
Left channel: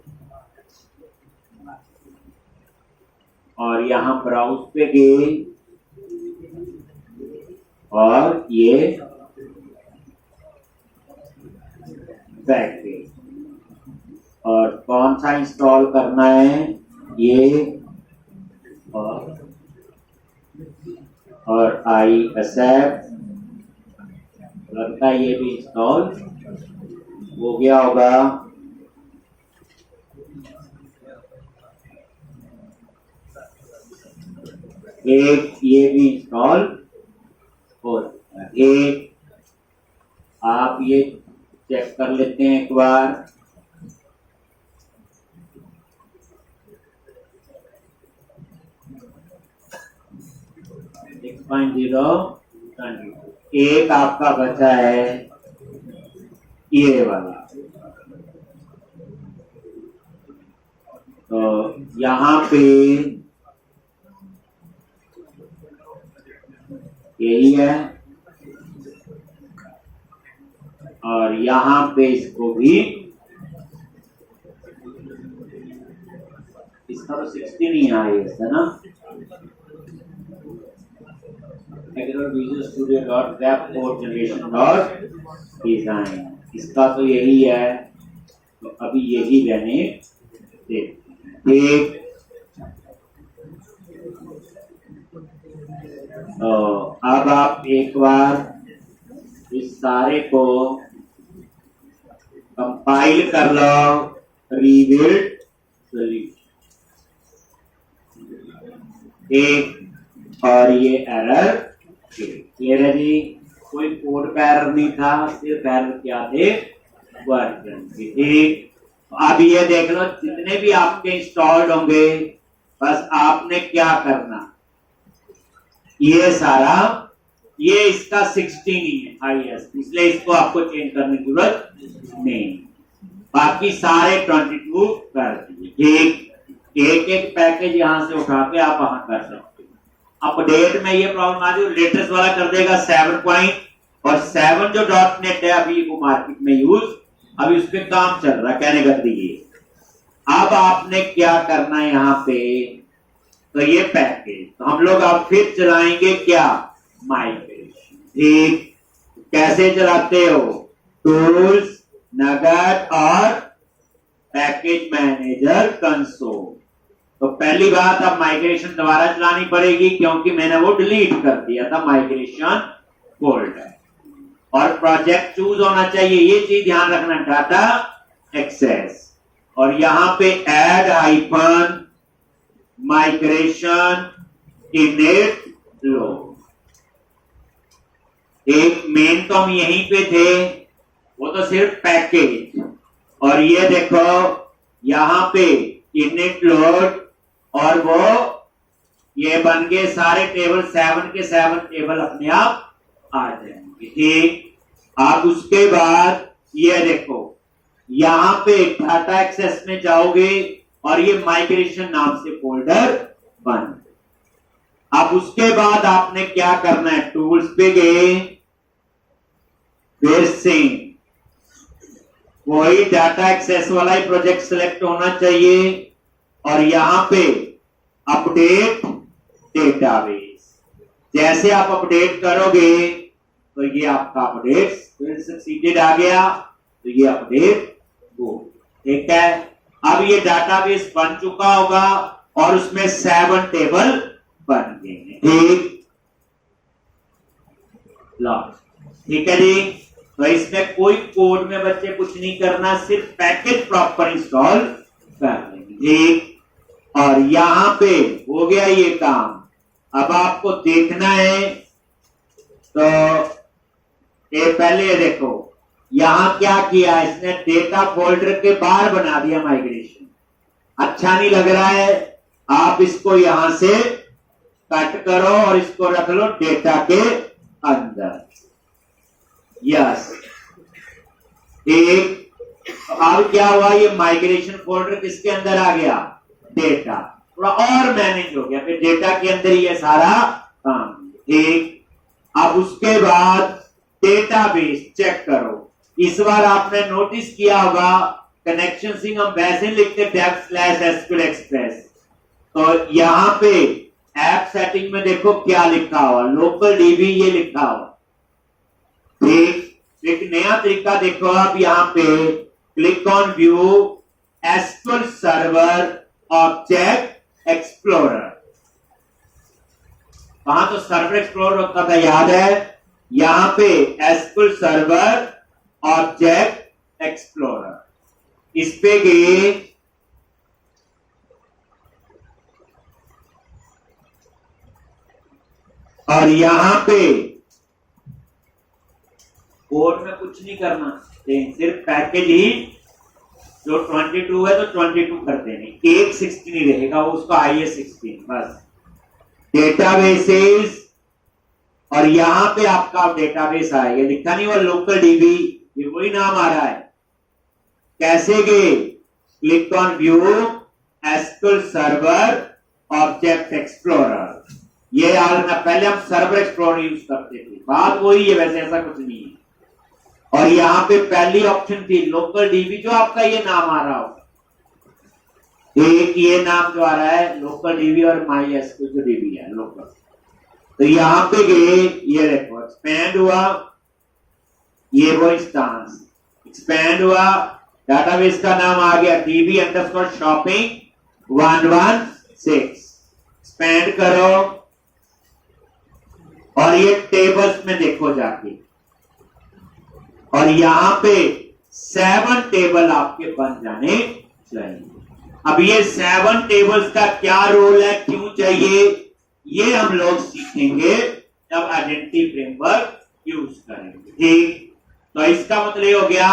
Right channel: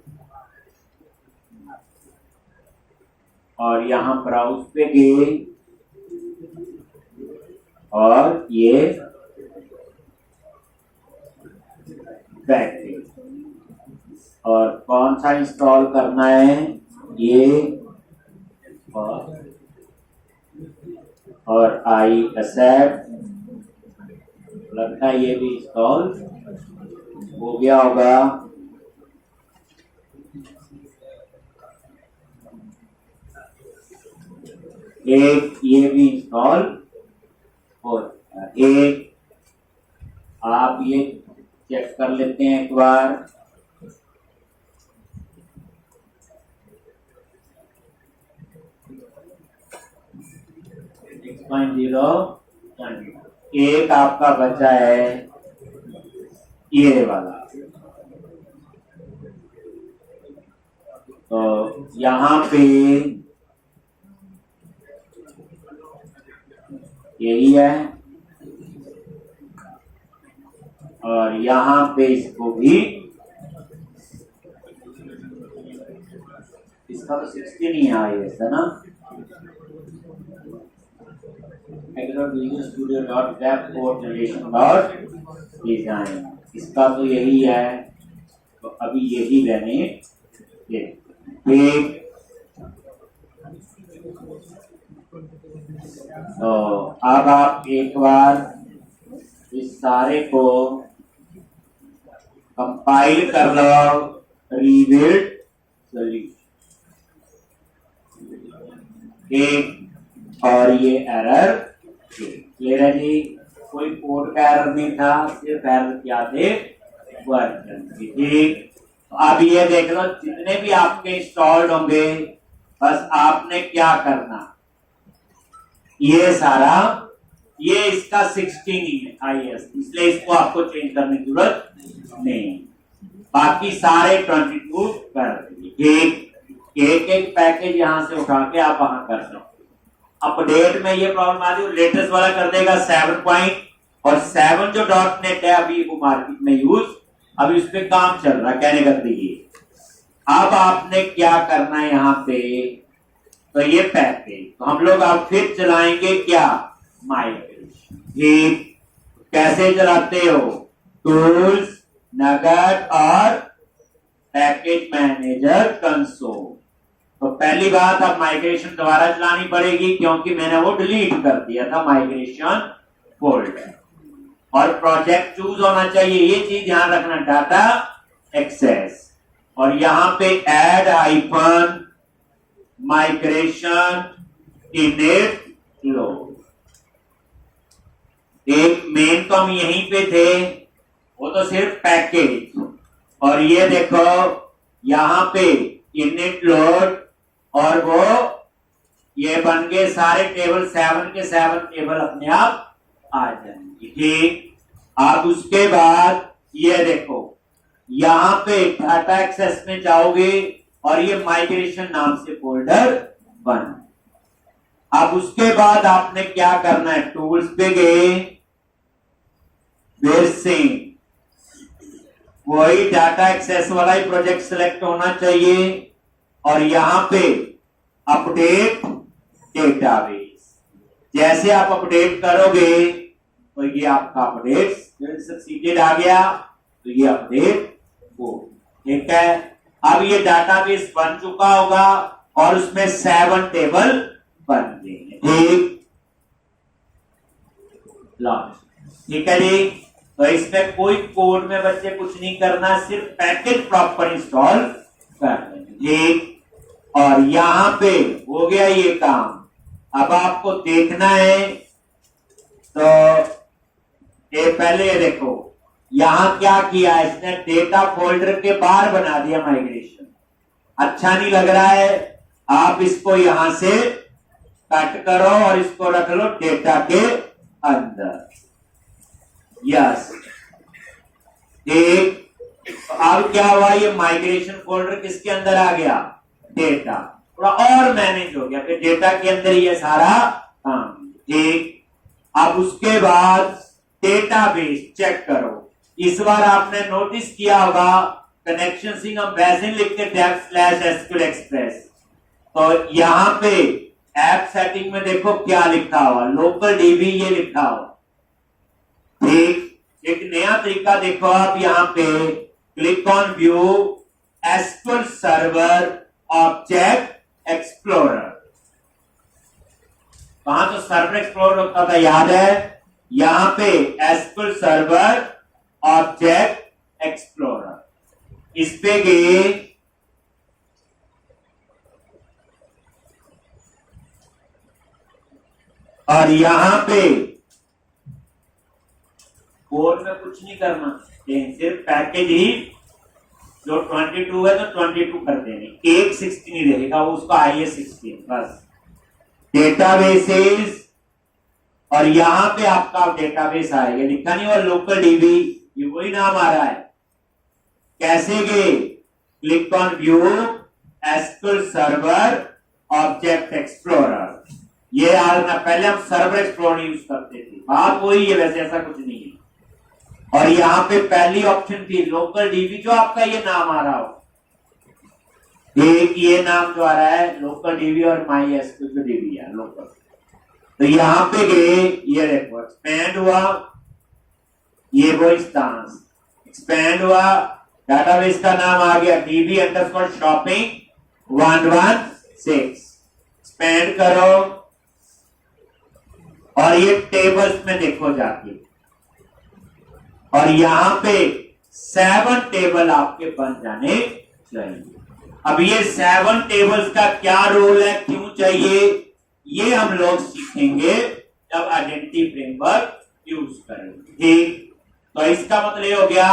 और यहाँ ब्राउज पे गए और ये पैकेज, और कौन सा इंस्टॉल करना है ये, और आई एक्सेप्ट, लगता है ये भी इंस्टॉल हो गया होगा। एक ये भी इंस्टॉल हो, एक आप ये चेक कर लेते हैं एक बार, एक आपका बचा है ये वाला। तो यहाँ पे यही है, और यहाँ पे इसको भी, इसका तो 16 ही है ना, visual studio dot web code generation dot design, इसका तो यही है, तो अभी यही रहने देते। तो अब आप एक बार इस सारे को कंपाइल कर लो, रीबिल्ड सॉल्यूशन, एक और ये एरर क्लियर है जी, कोई कोड का एरर नहीं था, सिर्फ एरर क्या थे, वर्जन। ठीक, तो अब ये देख लो जितने भी आपके इंस्टॉल्ड होंगे, बस आपने क्या करना, ये सारा, ये इसका 16 ही है हाईएस्ट, इसलिए इसको आपको चेंज करने की जरूरत नहीं, बाकी सारे 22 कर दिए। एक एक पैकेज यहां से उठा के आप वहां कर सकते हो। अपडेट में ये प्रॉब्लम आ रही, लेटेस्ट वाला कर देगा 7 पॉइंट, और 7 जो .NET है अभी वो मार्केट में यूज, अभी उस पर काम चल रहा, कहने का ये। अब आपने क्या करना है यहाँ पे, तो ये पैकेज, तो हम लोग अब फिर चलाएंगे क्या, माइग्रेशन। ठीक, कैसे चलाते हो, टूल्स, नगेट और पैकेज मैनेजर कंसोल। तो पहली बात, अब माइग्रेशन दोबारा चलानी पड़ेगी क्योंकि मैंने वो डिलीट कर दिया था माइग्रेशन फोल्डर, और प्रोजेक्ट चूज होना चाहिए, ये चीज ध्यान रखना, डाटा एक्सेस, और यहां पे add icon migration init load. एक मेन तो हम यहीं पे थे, वो तो सिर्फ पैकेज, और ये देखो यहां पे इनिट लोड, और वो ये बन गए सारे टेबल, 7 के 7 टेबल अपने आप आ जाएंगे। ठीक, आप उसके बाद ये देखो यहां पे डाटा एक्सेस में जाओगे और ये माइग्रेशन नाम से फोल्डर बन। अब उसके बाद आपने क्या करना है, टूल्स पे गए, फिर से कोई डाटा एक्सेस वाला ही प्रोजेक्ट सिलेक्ट होना चाहिए, और यहां पे अपडेट डेटाबेस, जैसे आप अपडेट करोगे तो ये आपका अपडेट सक्सीडेड आ गया, तो ये अपडेट हो। ठीक है, अब ये डाटाबेस बन चुका होगा और उसमें 7 टेबल बन गए। ठीक, ठीक है जी। तो इसमें कोई कोड में बच्चे कुछ नहीं करना, सिर्फ पैकेज प्रॉपर इंस्टॉल कर लेंगे। ठीक, और यहां पे हो गया ये काम। अब आपको देखना है, तो ये पहले देखो यहां क्या किया इसने, डेटा फोल्डर के बाहर बना दिया माइग्रेशन। अच्छा नहीं लग रहा है, आप इसको यहां से कट करो और इसको रख लो डेटा के अंदर। यस, एक, तो अब क्या हुआ, ये माइग्रेशन फोल्डर किसके अंदर आ गया, डेटा, थोड़ा और मैनेज हो गया, फिर डेटा के अंदर ये सारा काम। ठीक, अब उसके बाद डेटाबेस चेक करो। इस बार आपने नोटिस किया होगा कनेक्शन सिंह हम वैसे लिखते dev/SQL Express, तो यहां पे ऐप सेटिंग में देखो क्या लिखा हुआ, लोकल डीबी ये लिखा हुआ। ठीक, एक नया तरीका देखो आप, यहां पे click on view SQL server object explorer. वहां तो सर्वर एक्सप्लोरर होता था, याद है, यहां पे SQL सर्वर ऑब्जेक्ट एक्सप्लोरर, इस पे गए, और यहां पे कोड में कुछ नहीं करना, सिर्फ पैकेज ही जो 22 है तो 22 कर देने, एक 16 ही रहेगा, वो उसका आई है 16 बस। डेटाबेसेस, और यहां पे आपका डेटाबेस आएगा, लिखा नहीं हुआ लोकल डीबी, ये वही नाम आ रहा है। कैसे गए, click on view SQL server object explorer, ये याद रखना, पहले हम सर्वर एक्सप्लोरर यूज करते थे, बात वही है, वैसे ऐसा कुछ नहीं है। और यहां पे पहली ऑप्शन थी लोकल डीबी, जो आपका ये नाम आ रहा हो, एक ये नाम जो आ रहा है लोकल डीबी, और माई एसक्यूएल जो डीबी है लोकल। तो यहां पे गए, ये देखो एक्सपैंड हुआ, ये वो इंस्टांस एक्सपैंड हुआ, डाटाबेस का नाम आ गया डीबी अंडरस्कोर शॉपिंग 116, एक्सपैंड करो, और ये टेबल्स में देखो जाके, और यहां पे 7 टेबल आपके बन जाने चाहिए। अब ये 7 टेबल्स का क्या रोल है, क्यों चाहिए, ये हम लोग सीखेंगे जब आइडेंटिटी फ्रेमवर्क यूज करेंगे। ठीक, तो इसका मतलब ये हो गया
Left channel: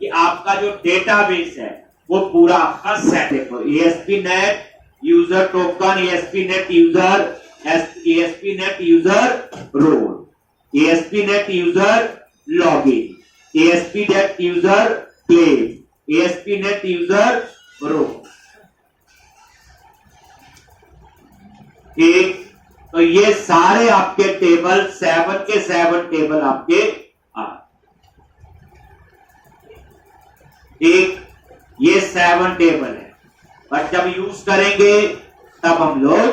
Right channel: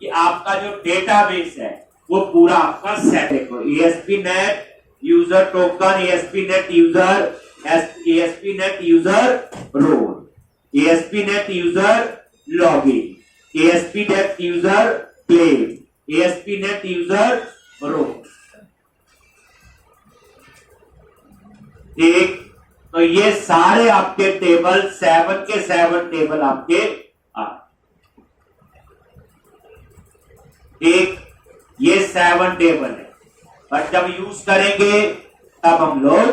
कि आपका जो डेटाबेस है वो पूरा आपका सेट देखो, ASP.NET user token, ASP.NET user, ASP.NET user role, ASP.NET user login, ASP.NET user claim, ASP.NET user role. एक, तो ये सारे आपके टेबल 7 के 7 टेबल आपके आ, एक ये 7 टेबल है, पर जब यूज करेंगे तब हम लोग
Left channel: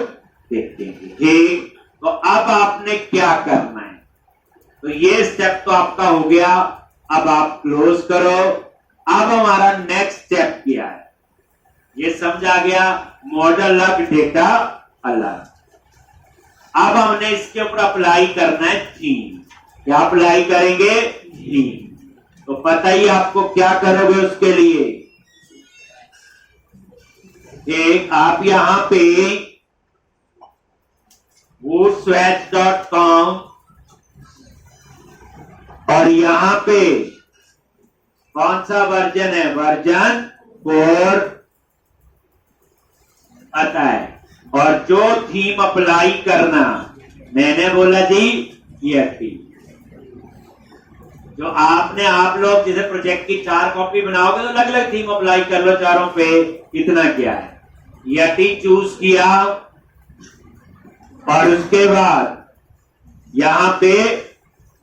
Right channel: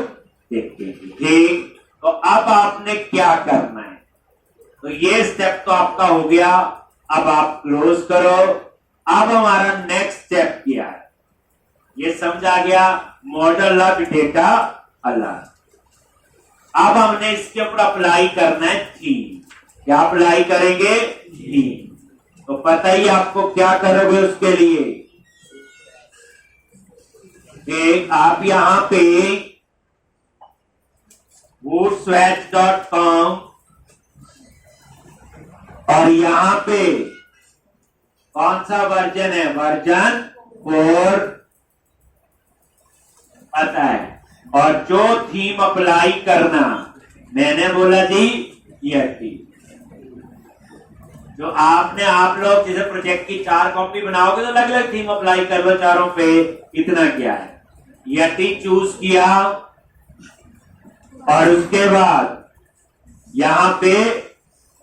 देखेंगे। ठीक, तो अब आपने क्या करना है, तो ये स्टेप तो आपका हो गया, अब आप क्लोज करो। अब हमारा नेक्स्ट स्टेप क्या है, ये समझा गया, मॉडल अलग डेटा अलग। अब हमने इसके ऊपर अप्लाई करना है थीम, क्या अप्लाई करेंगे, थीम। तो पता ही आपको क्या करोगे उसके लिए, एक आप यहां पे woodswatch.com, और यहां पे कौन सा वर्जन है, वर्जन 4 पता है, और जो थीम अप्लाई करना, मैंने बोला जी ये थीम, जो आपने, आप लोग जैसे प्रोजेक्ट की 4 कॉपी बनाओगे तो अलग अलग थीम अप्लाई कर लो चारों पे, इतना क्या है, यटी चूज किया, और उसके बाद यहां पे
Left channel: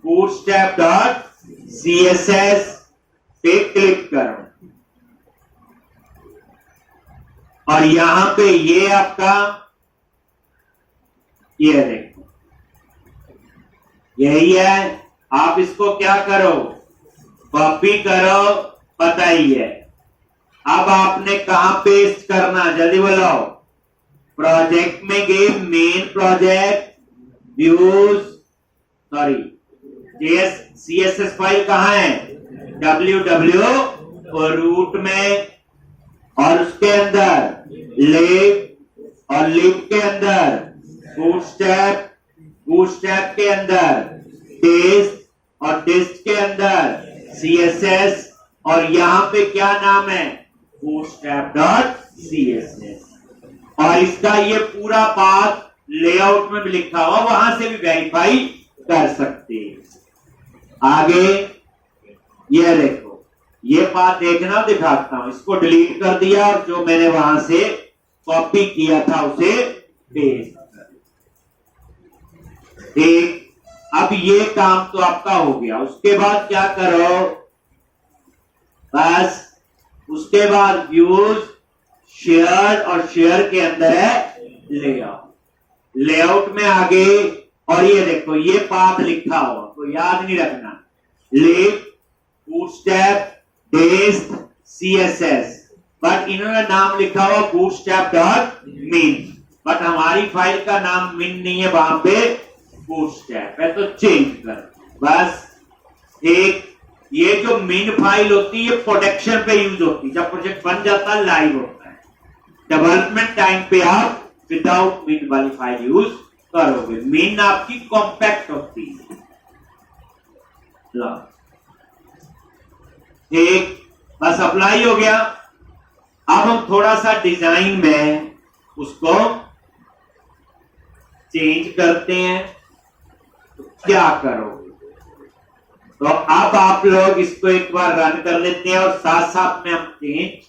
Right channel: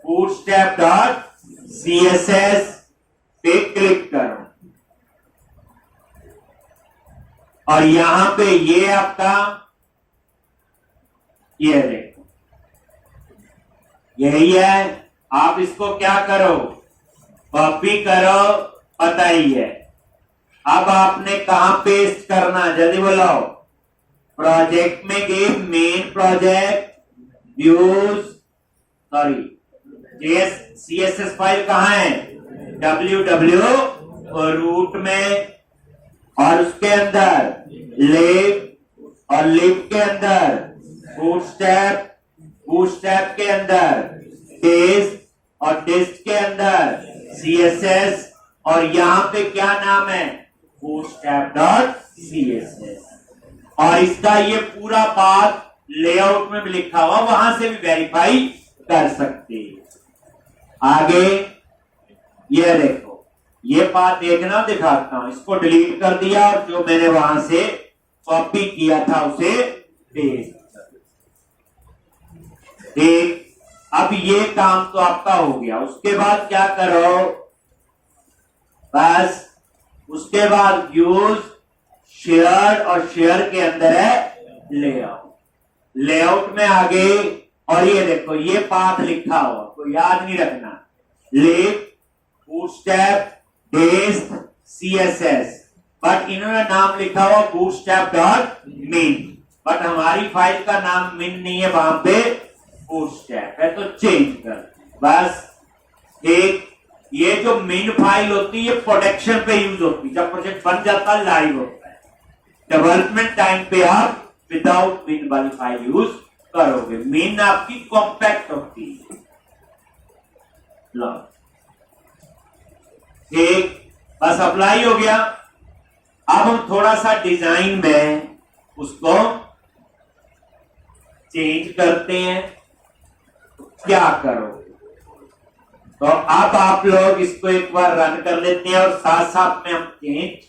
bootstrap.css पे क्लिक करो, और यहां पे ये आपका, ये देखो यही है, आप इसको क्या करो, कॉपी करो, पता ही है। अब आपने कहां पेस्ट करना, जल्दी बोलो, प्रोजेक्ट में गए main project, views, sorry CSS file कहाँ है, www रूट में, और उसके अंदर लिब, और लिब के अंदर बूटस्ट्रैप, बूटस्ट्रैप के अंदर टेस्ट, और टेस्ट के अंदर CSS, और यहां पे क्या नाम है, bootstrap.css। और इसका ये पूरा पाथ लेआउट में भी लिखा हुआ, वहां से भी वेरीफाई कर सकते हैं। आगे ये देखो, ये पाथ देखना, दिखाता हूं, इसको डिलीट कर दिया और जो मैंने वहां से कॉपी किया था उसे पेस्ट कर दिया। ठीक, अब ये काम तो आपका हो गया। उसके बाद क्या करो, बस उसके बाद व्यूज, शेयर, और शेयर के अंदर है लेआउट, लेआउट में आगे, और ये देखो ये पाथ लिखा हुआ, तो याद नहीं रखना, लिब, बूटस्ट्रैप, टेस्ट, CSS, बट इन्होंने नाम लिखा हुआ bootstrap.min, बट हमारी फाइल का नाम min नहीं है, वहां पे bootstrap है, तो चेंज कर बस। एक ये जो min फाइल होती है, ये प्रोडक्शन पे यूज होती है, जब प्रोजेक्ट बन जाता है, लाइव होता है। डेवलपमेंट टाइम पे आप विदाउट min वाली फाइल यूज करोगे। min आपकी कॉम्पैक्ट होती है। एक बस अप्लाई हो गया। अब हम थोड़ा सा डिजाइन में उसको चेंज करते हैं, तो क्या करोगे, तो अब आप लोग इसको एक बार रन कर लेते हैं और साथ साथ में हम चेंज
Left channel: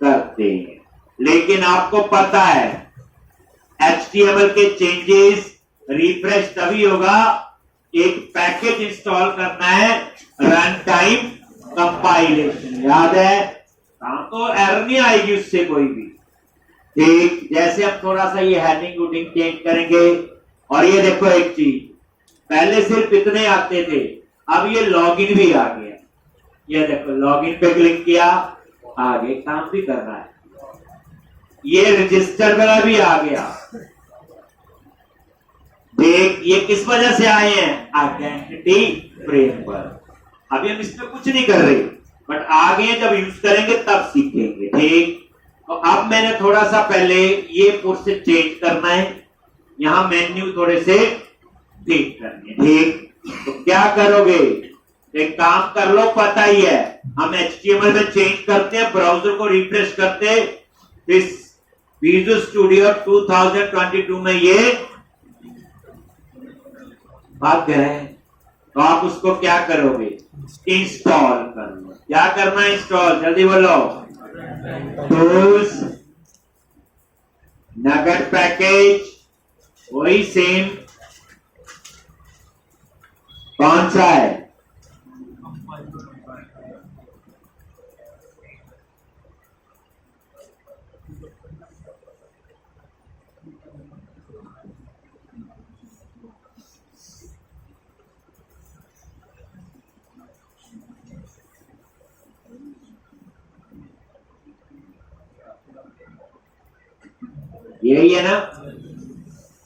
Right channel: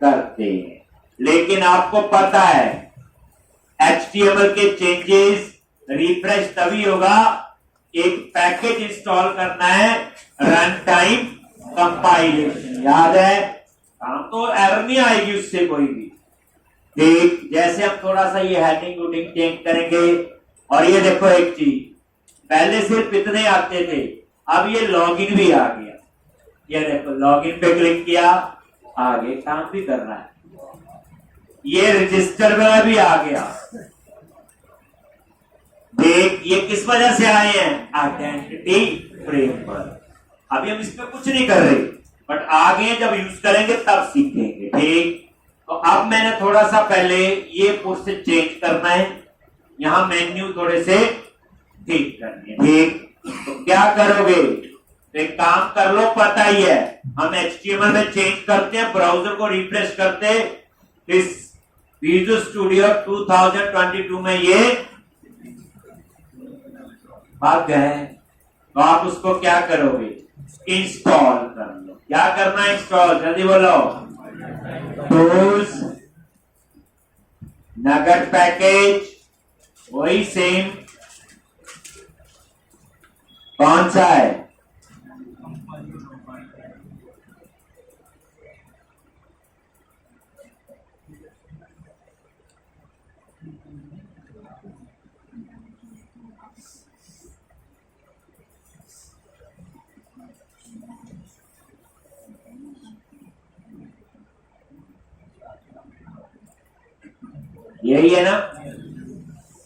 करते हैं। लेकिन आपको पता है HTML के चेंजेस रिफ्रेश तभी होगा, एक पैकेज इंस्टॉल करना है, रन टाइम कंपाइलेशन, याद है, काम तो एरर नहीं आएगी उससे कोई भी। ठीक, जैसे हम थोड़ा सा ये हेडिंग वुडिंग चेंज करेंगे, और ये देखो एक चीज, पहले सिर्फ इतने आते थे, अब ये लॉगिन भी आ गया। ये देखो लॉगिन पे क्लिक किया, आगे काम भी कर रहा है। ये रजिस्टर वाला भी आ गया। देख ये किस वजह से आए हैं, आइडेंटिटी फ्रेमवर्क। अभी हम इसमें कुछ नहीं कर रहे, बट आगे जब यूज करेंगे तब सीखेंगे। ठीक, तो अब मैंने थोड़ा सा पहले ये पोर्शन चेंज करना है, यहां मेन्यू थोड़े से ठीक करने। ठीक, तो क्या करोगे, एक काम कर लो, पता ही है, हम HTML में चेंज करते हैं, ब्राउजर को रिफ्रेश करते हैं, इस विजुअल स्टूडियो 2022 में ये भाग गए, तो आप उसको क्या करोगे, इंस्टॉल कर लो। क्या करना है, इंस्टॉल, जल्दी बोलो, टूल्स, नगेट पैकेज, वही सेम, कौन सा है, यही है ना,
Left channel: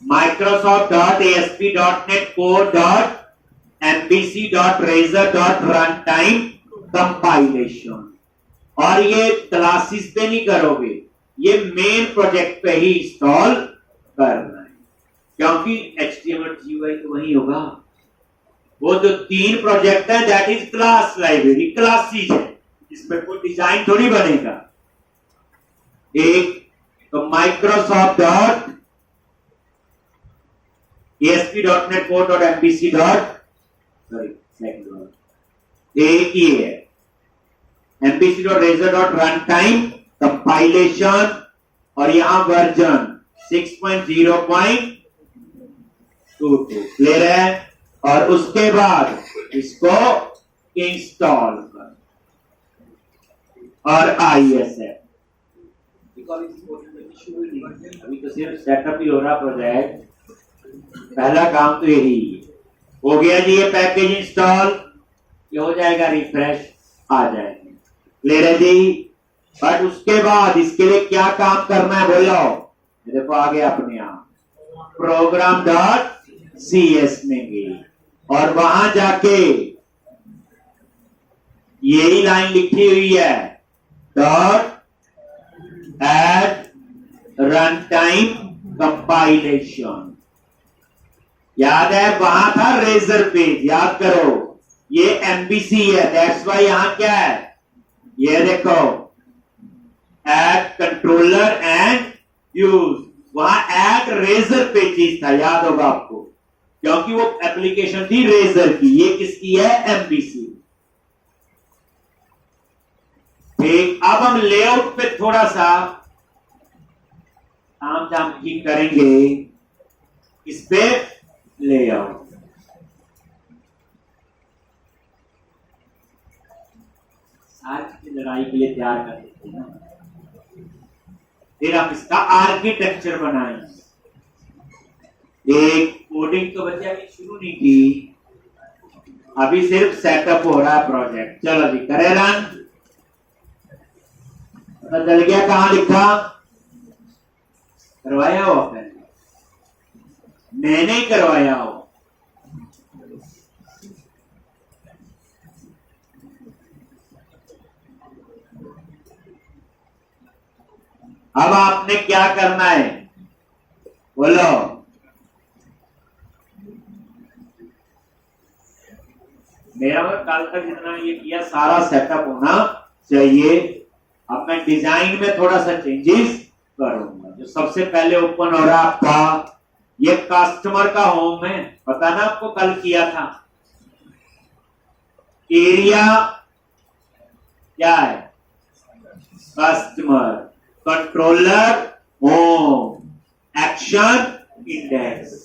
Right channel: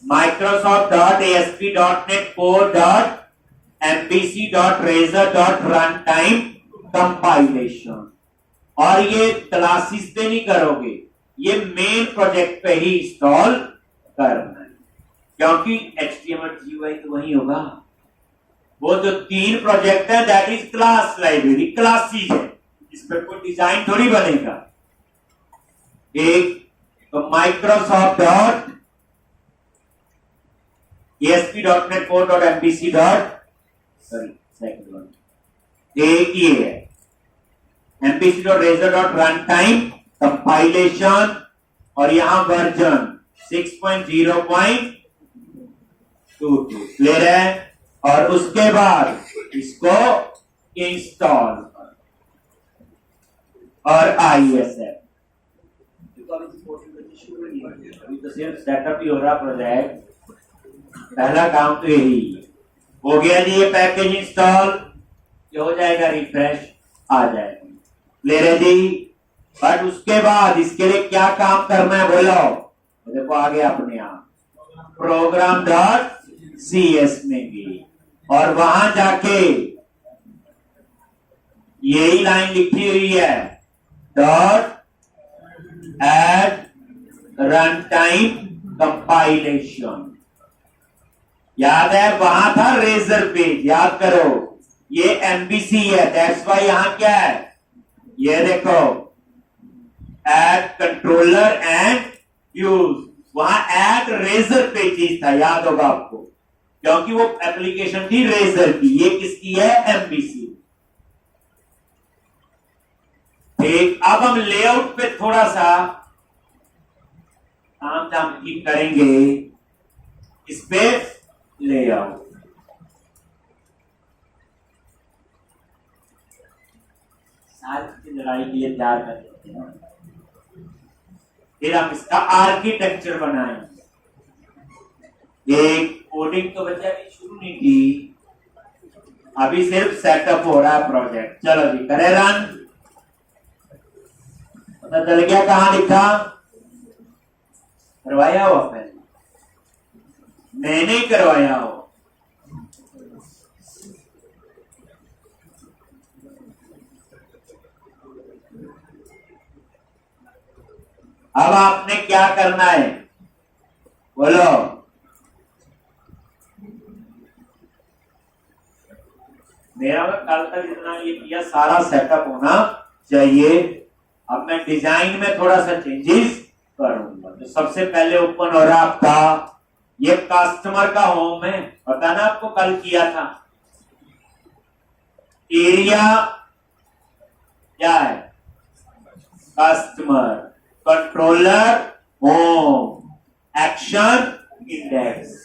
Microsoft.ASP.NET Core.MVC.Razor.Runtime कंपाइलेशन। और ये क्लासेस पे नहीं करोगे, ये मेन प्रोजेक्ट पे ही इंस्टॉल करना है, क्योंकि HTML GUI तो वही होगा। वो जो 3 प्रोजेक्ट है that is class library, classes है, इस पर कोई डिजाइन थोड़ी बनेगा। एक तो Microsoft.ASP.NET Core.MVC. एक ही है, MVC.Razor.Runtime कंपाइलेशन, और यहां वर्जन 6.0.22 क्लियर है। और उसके बाद इसको इंस्टॉल कर, और ISF, अभी तो सिर्फ सेटअप ही हो रहा प्रोजेक्ट, पहला काम तो यही हो गया जी। ये पैकेज इंस्टॉल, ये हो जाएगा रिफ्रेश, आ जाएगा, क्लियर है जी। बट उसके बाद इसके लिए क्या काम करना है बोलो, देखो आ गया अपने आप, प्रोग्राम डॉट CS में गई और वहां जाके यही लाइन लिखी हुई है, dot at run time compilation. याद है वहां था रेजर पेज, याद करो ये MVC है, दैट्स वाई यहां क्या है, ये देखो एड कंट्रोलर एंड यूज, वहां एड रेजर पेजेस था, याद होगा आपको, क्योंकि वो एप्लीकेशन थी रेजर की। ये किसकी है, MVC। ठीक, अब हम लेआउट पे थोड़ा सा काम धाम की करेंगे, इस पे लेआउट। सारी की लड़ाई के लिए तैयार कर देते हैं, फिर हम इसका आर्किटेक्चर बनाएंगे। एक कोडिंग तो बच्चा की शुरू नहीं की, अभी सिर्फ सेटअप हो रहा है प्रोजेक्ट। चलो जी करें रन, पता चल गया कहां लिखा, करवाया हो पहले, मैंने ही करवाया हो। अब आपने क्या करना है, बोलो। मेरा मतलब कल तक जितना ये किया सारा सेटअप होना चाहिए। अब मैं डिजाइन में थोड़ा सा चेंजेस करूंगा। तो सबसे पहले ओपन हो रहा आपका, ये कस्टमर का होम है, पता ना आपको कल किया था। एरिया क्या है, customer, controller home, action index.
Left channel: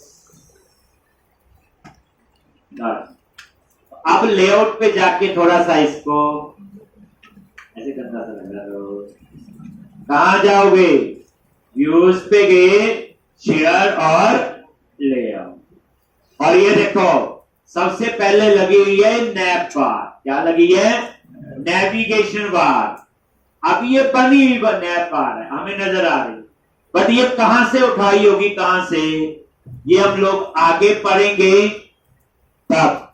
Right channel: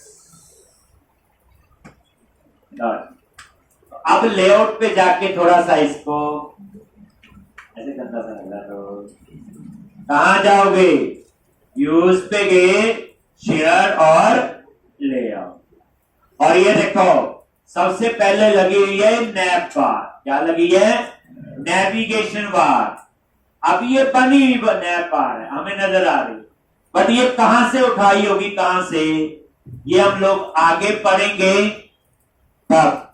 अब लेआउट पे जाके थोड़ा सा इसको ऐसे गंदा सा लग रहा है, कहां जाओगे, व्यूज पे गए, शेयर और लेआउट, और ये देखो सबसे पहले लगी हुई है नैप बार। क्या लगी है, नेविगेशन बार। अब ये बनी हुई नैप बार है, हमें नजर आ रही, बट ये कहां से उठाई होगी, कहां से, ये हम लोग आगे पढ़ेंगे तब,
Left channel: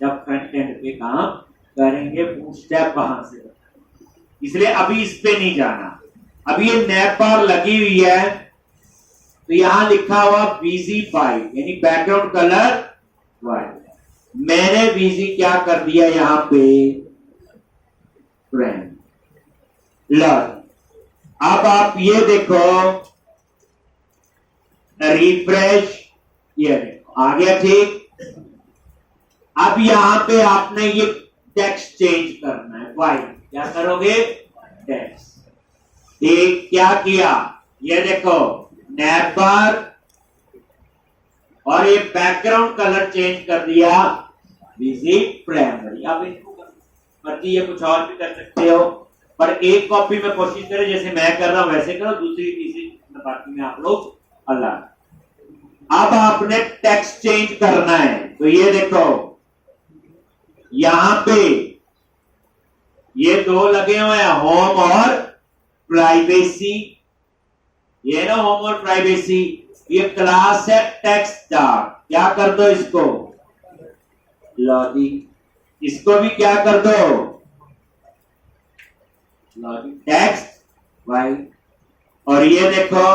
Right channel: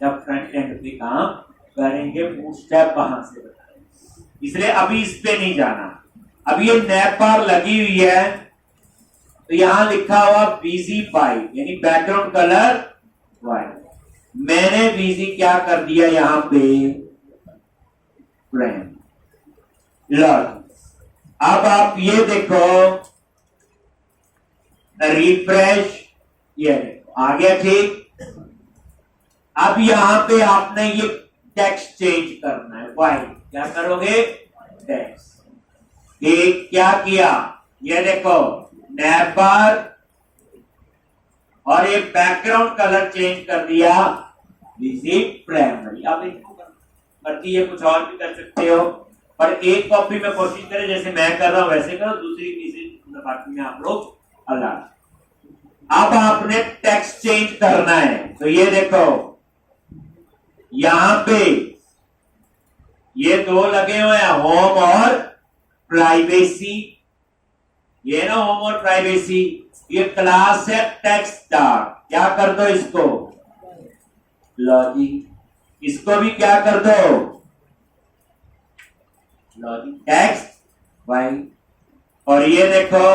जब फ्रंट एंड पे काम करेंगे, बूटस्ट्रैप वहां से बताएंगे, इसलिए अभी इस पे नहीं जाना। अभी ये नैप बार लगी हुई है, तो यहां लिखा हुआ VZ वाइट, यानी बैकग्राउंड कलर वाइट। मैंने VZ क्या कर दिया यहां पे, फ्रेंड लॉट। अब आप ये देखो, रिफ्रेश, ये देखो आ गया, ठीक। अब यहां पे आपने ये टेक्स्ट चेंज करना है, वाइट, क्या करोगे, टेक्स्ट। ठीक, क्या किया, ये देखो नैप बार, और ये बैकग्राउंड कलर चेंज कर दिया विजिट प्राइमरी। अब इसको मर्जी है, कुछ और भी कर सकते हो, पर एक कॉपी में कोशिश करें जैसे मैं कर रहा हूं वैसे करो, दूसरी तीसरी बाकी में आप लोग अलग। अब आपने टेक्स्ट चेंज करना है, तो ये देखो यहां पे ये दो लगे हुए हैं, होम और प्राइवेसी। ये ना होम और प्राइवेसी, ये क्लास है टेक्स्ट डार्क, क्या कर दो इसको, लॉजिक, इसको भी क्या कर दो, लॉजिक टेक्स्ट वाइट। और ये देखो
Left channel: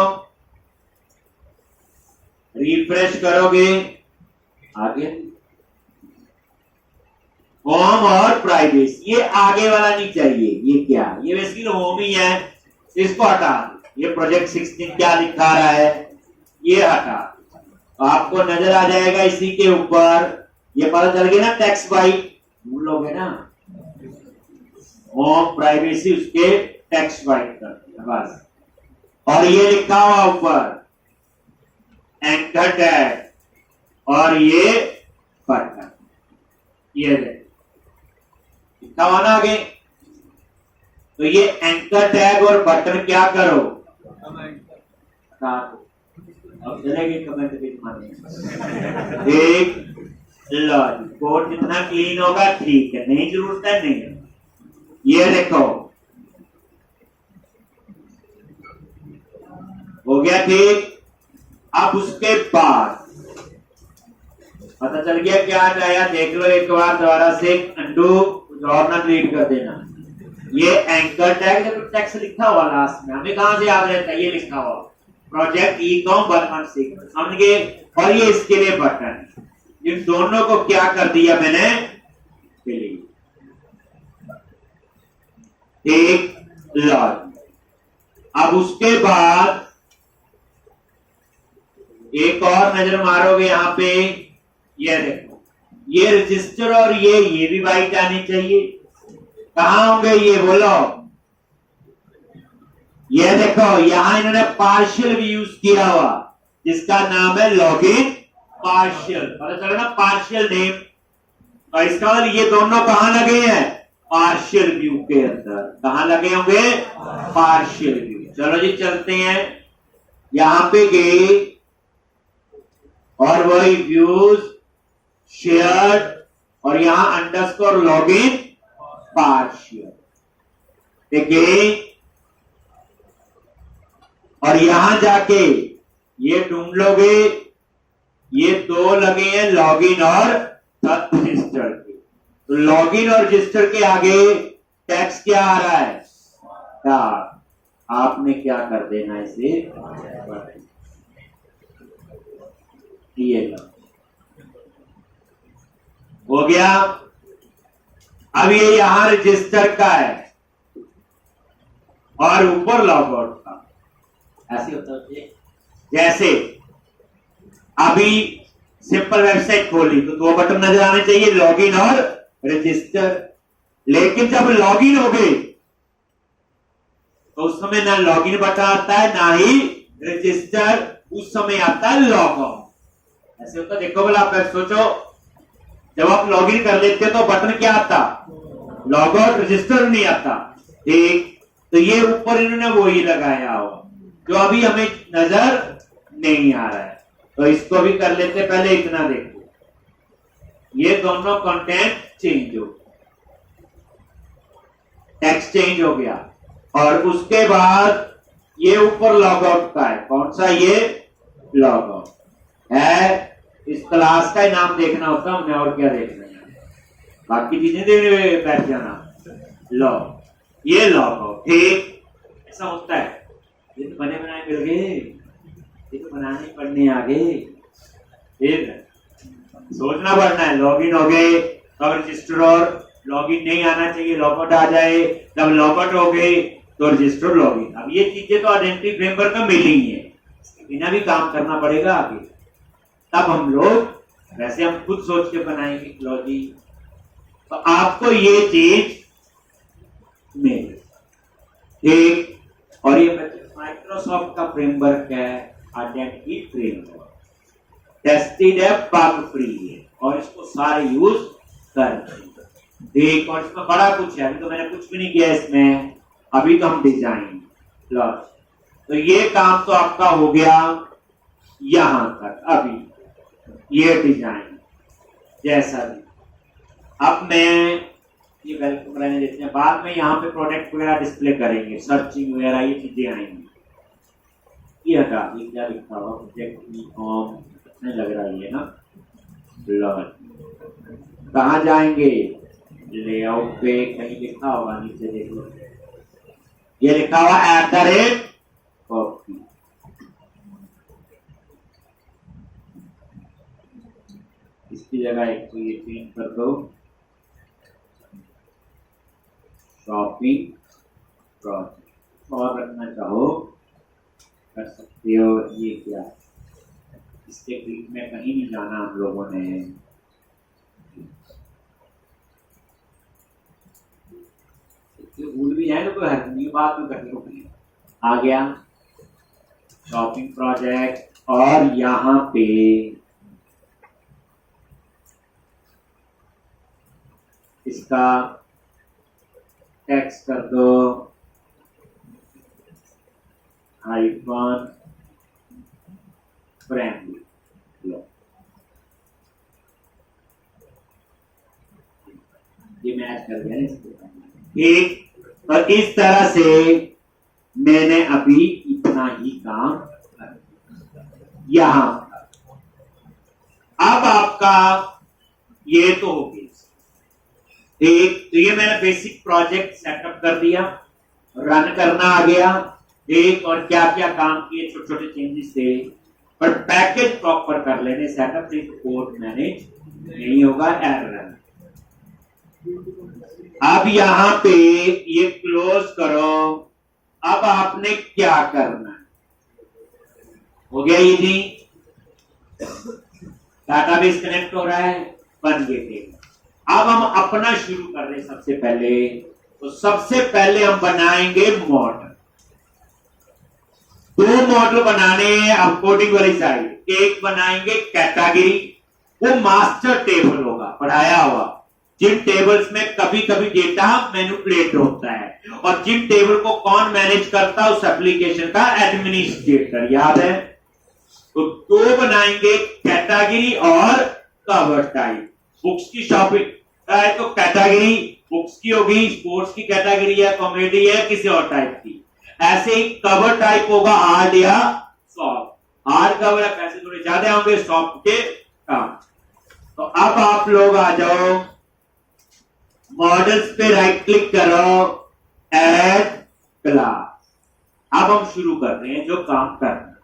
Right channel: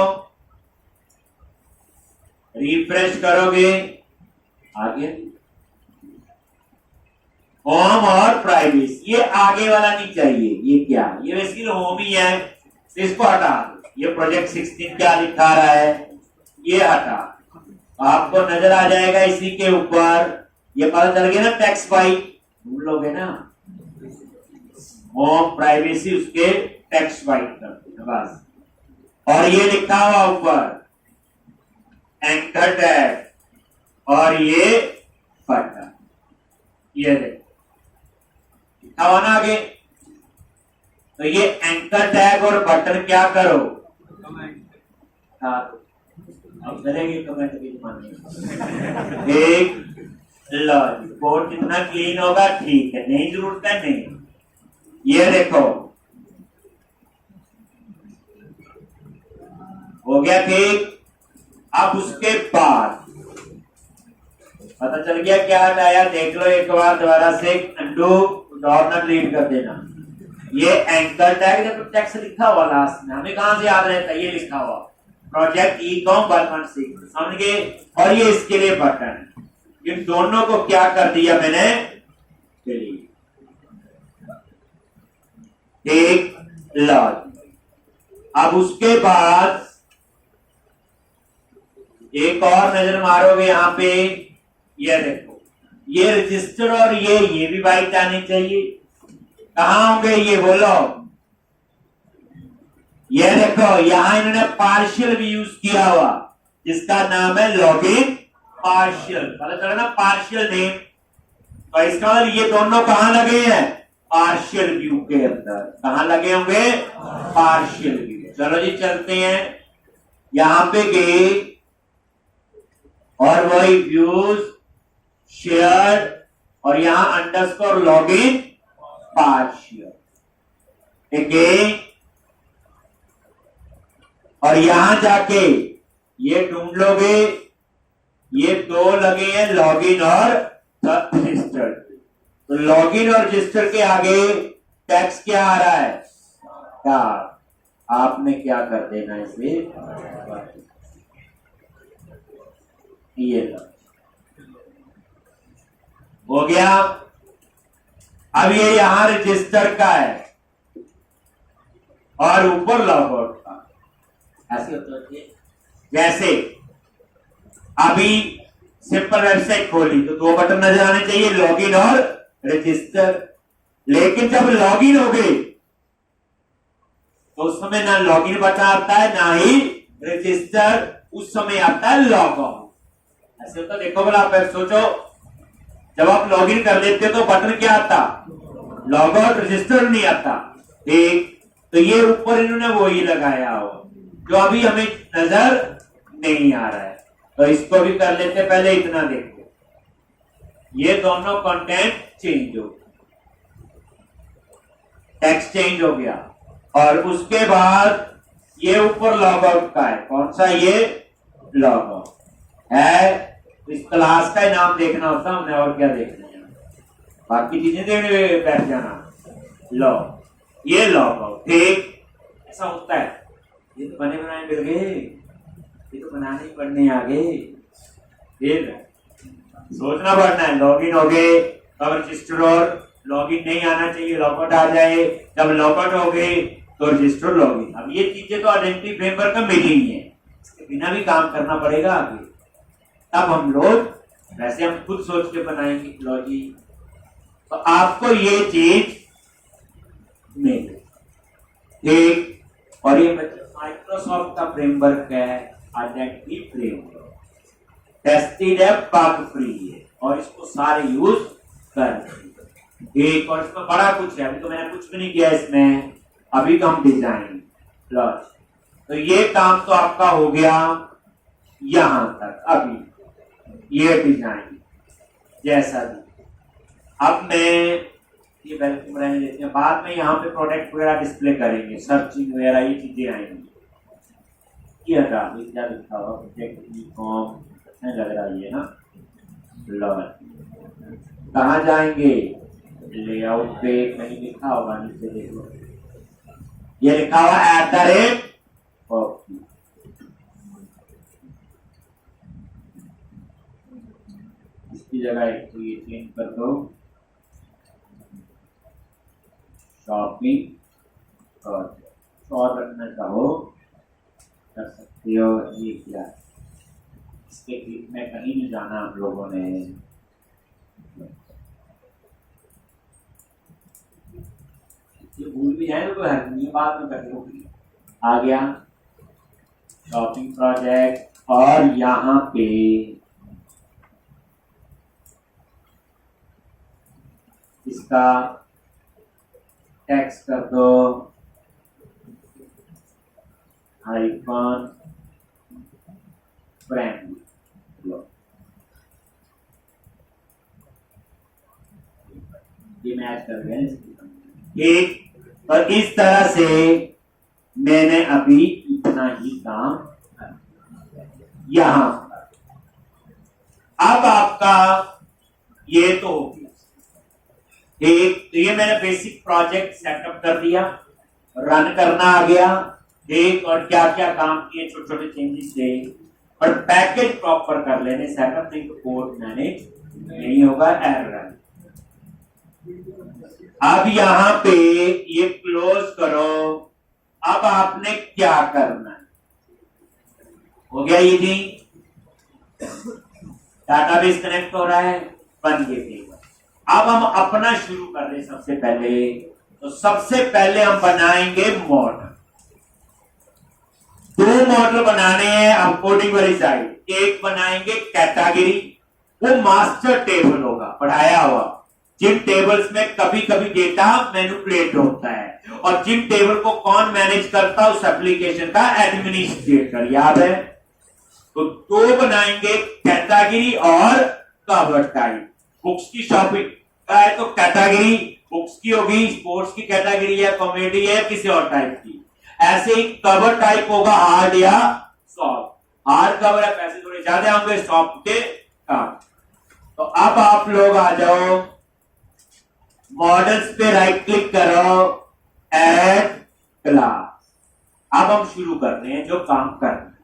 रिफ्रेश करोगे, आगे होम और प्राइवेसी, ये आगे वाला नहीं चाहिए, ये क्या, ये बेसिकली होम ही है, इसको हटा दो। ये प्रोजेक्ट 16 क्या दिखा रहा है, ये हटा, आपको नजर आ जाएगा इसी के ऊपर, ये पता चल गया ना, टेक्स्ट वाइट भूल लोगे ना, होम प्राइवेसी उसके टेक्स्ट वाइट कर दिया बस। और ये लिखा हुआ ऊपर एंकर टैग, और ये बटन, ये देखो लिखा हुआ ना आगे, तो ये एंकर टैग और बटन क्या करो, अब चलेगी कमेंट के जमाने। एक कोड जितना क्लीन होगा ठीक है, नहीं जरूरत है नहीं। ये देखो हो गया ठीक। अब उसके बाद पता चल गया क्या आया, देख लो एक बार दोबारा से, अंडू और ना डिलीट कर देना। ये एंकर टैग, जब टेक्स्ट लिखा हुआ लास्ट में, हमें कहां से याद रहता है, ये लिखा हुआ प्रोजेक्ट ई-कॉम 116 समझ गए। और ये इसके लिए बटन, इन दोनों को क्या कर दिया मैंने, डिलीट। एक लॉग। अब उसके बाद एक और नजर मारोगे यहां पे, ये देखो ये रजिस्टर और ये भी वाइट आनी चाहिए। कहां होंगे ये बोलो, ये देखो यहां इन्होंने पार्शियल भी यूज किया हुआ, जिसका नाम है लॉगिन पार्शियल। पता चला ना, पार्शियल नेम। तो इसका मतलब ये दोनों कहां लगे हैं, पार्शियल व्यू के अंदर। कहां लगे होंगे, पार्शियल व्यू। चलो जी चलते हैं, यहां पे गए और वही व्यूज शेयर्ड और यहां अंडरस्कोर लॉगिन पार्शियल, ठीक है। और यहां जाके ये ढूंढ लोगे, ये दो लगे हैं लॉगिन और रजिस्टर। तो लॉगिन और रजिस्टर के आगे टेक्स्ट क्या आ रहा है, स्टार। आपने क्या कर देना इसे, ये लो, हो गया। अब ये यहां रजिस्टर का है और ऊपर लॉग आउट का, ऐसे होता है। जैसे अभी सिंपल वेबसाइट खोली तो दो बटन नजर आने चाहिए, लॉगिन और रजिस्टर। लेकिन जब लॉगिन हो गए तो उस समय ना लॉगिन बटन आता है ना ही रजिस्टर, उस समय आता है लॉग आउट। ऐसे होता, देखो बोला आप सोचो, जब आप लॉगिन कर लेते हो तो बटन क्या आता, लॉग आउट, रजिस्टर नहीं आता, ठीक। तो ये ऊपर इन्होंने वो ही लगाया हो जो अभी हमें नजर नहीं आ रहा है, तो इसको भी कर लेते। पहले इतना देखो, ये दोनों कंटेंट चेंज हो, टेक्स्ट चेंज हो गया। और उसके बाद ये ऊपर लॉग आउट का है, कौन सा, ये लॉग आउट है। इस क्लास का नाम देखना होता हमने, और क्या देखना है, बाकी चीजें देखने बैठ जाना। लो ये लॉग आउट, ठीक। ऐसा होता है, ये तो बने बनाए मिल गए, ये तो बनाने पढ़ने आ गए, फिर सोचना पड़ना है। लॉगिन हो गए, अब रजिस्टर और लॉगिन नहीं आना चाहिए, लॉगआउट आ जाए। जब लॉगआउट हो गए तो रजिस्टर लॉगिन। अब ये चीजें तो आइडेंटिटी फ्रेमवर्क में मिली ही है, इसके बिना भी काम करना पड़ेगा आगे। तब हम लोग, वैसे हम खुद सोच के बनाएंगे लॉजी, तो आपको ये चीज मिले, ठीक। और ये माइक्रोसॉफ्ट का फ्रेमवर्क है, आइडेंटिटी फ्रेमवर्क, टेस्टेड है, बग फ्री है, और इसको सारे यूज कर, ठीक। और इसमें बड़ा कुछ है, अभी तो मैंने कुछ भी नहीं किया इसमें, अभी तो हम डिजाइन लॉन्च। तो ये काम तो आपका हो गया यहां तक। अभी ये डिजाइन जैसा भी, अब मैं ये वेलकम रहने देते हैं, बाद में यहाँ पे प्रोडक्ट वगैरह डिस्प्ले करेंगे, सर्चिंग वगैरह ये चीजें आएंगी। ये हटा, ये क्या लिखा हुआ, प्रोजेक्ट ई-कॉम, अच्छा लग रहा है ये ना। लॉन्च कहाँ जाएंगे, लेआउट पे कहीं लिखा होगा नीचे, देख लो, ये लिखा हुआ @ कॉपी। इसकी जगह एक तो ये चेंज कर दो, शॉपिंग प्रोजेक्ट, और रखना चाहो कर सकते हो। ये क्या है, इसके क्लिक में कहीं नहीं जाना हम लोगों ने, भूल भी जाए तो कोई हर्ज नहीं, बाद में कर लो। आ गया शॉपिंग प्रोजेक्ट, और यहां पे इसका टेक्स्ट कर दो हाइफन फ्रेंडली। लो ये मैच कर गए ठीक। और इस तरह से मैंने अभी इतना ही काम यहां पर। अब आपका ये तो हो गया एक, तो ये मैंने बेसिक प्रोजेक्ट सेटअप कर दिया, रन करना आ गया एक, और क्या क्या काम किए, छोटे छोटे चेंजेस थे, और पैकेज प्रॉपर कर लेने सेटअप, नहीं तो कोड मैनेज नहीं होगा, एरर। अब यहां पे ये क्लोज करो। अब आपने क्या करना है, हो गया ये जी, डाटाबेस कनेक्ट हो रहा है, बन गए टेबल। अब हम अपना शुरू कर रहे हैं। सबसे पहले तो सबसे पहले हम बनाएंगे मॉडल। दो मॉडल बनाने हैं अब कोडिंग वाली साइड। एक बनाएंगे कैटेगरी, वो मास्टर टेबल होगा पढ़ाया हुआ, जिन टेबल्स में कभी कभी डेटा मैनिपुलेट होता है, और जिन टेबल को कौन मैनेज करता है, उस एप्लीकेशन का एडमिनिस्ट्रेटर, याद है। तो दो बनाएंगे, कैटेगरी और कवर टाइप। बुक्स की शॉपिंग है तो कैटेगरी बुक्स की होगी, स्पोर्ट्स की कैटेगरी है, कॉमेडी है, किसी और टाइप की। ऐसे ही कवर टाइप होगा हार्ड या सॉफ्ट। हार्ड कवर है, पैसे थोड़े ज्यादा होंगे, सॉफ्ट के कम। तो अब आप लोग आ जाओ, मॉडल्स पे राइट क्लिक करो, ऐड क्लास। अब हम शुरू कर रहे हैं जो काम करना।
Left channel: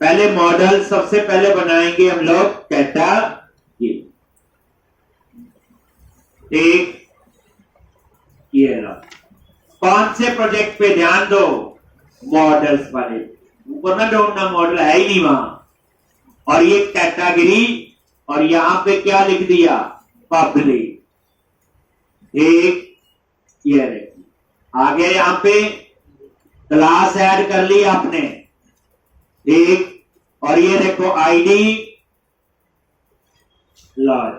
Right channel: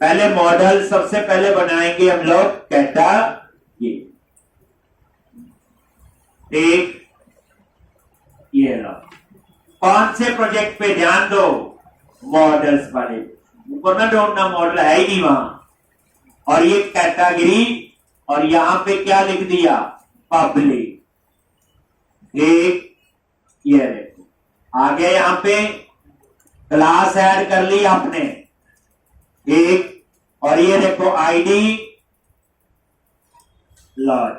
पहले मॉडल सबसे पहले बनाएंगे हम लोग कैटेगरी। एक ये लो, कौन से प्रोजेक्ट पे ध्यान दो, मॉडल्स वाले, ऊपर ना ढूंढना, मॉडल है ही नहीं वहां। और ये कैटेगरी, और यहां पे क्या लिख दिया, पब्लिक। एक ये देखो आ गया, यहां पे क्लास ऐड कर ली आपने एक, और ये देखो आईडी लॉज,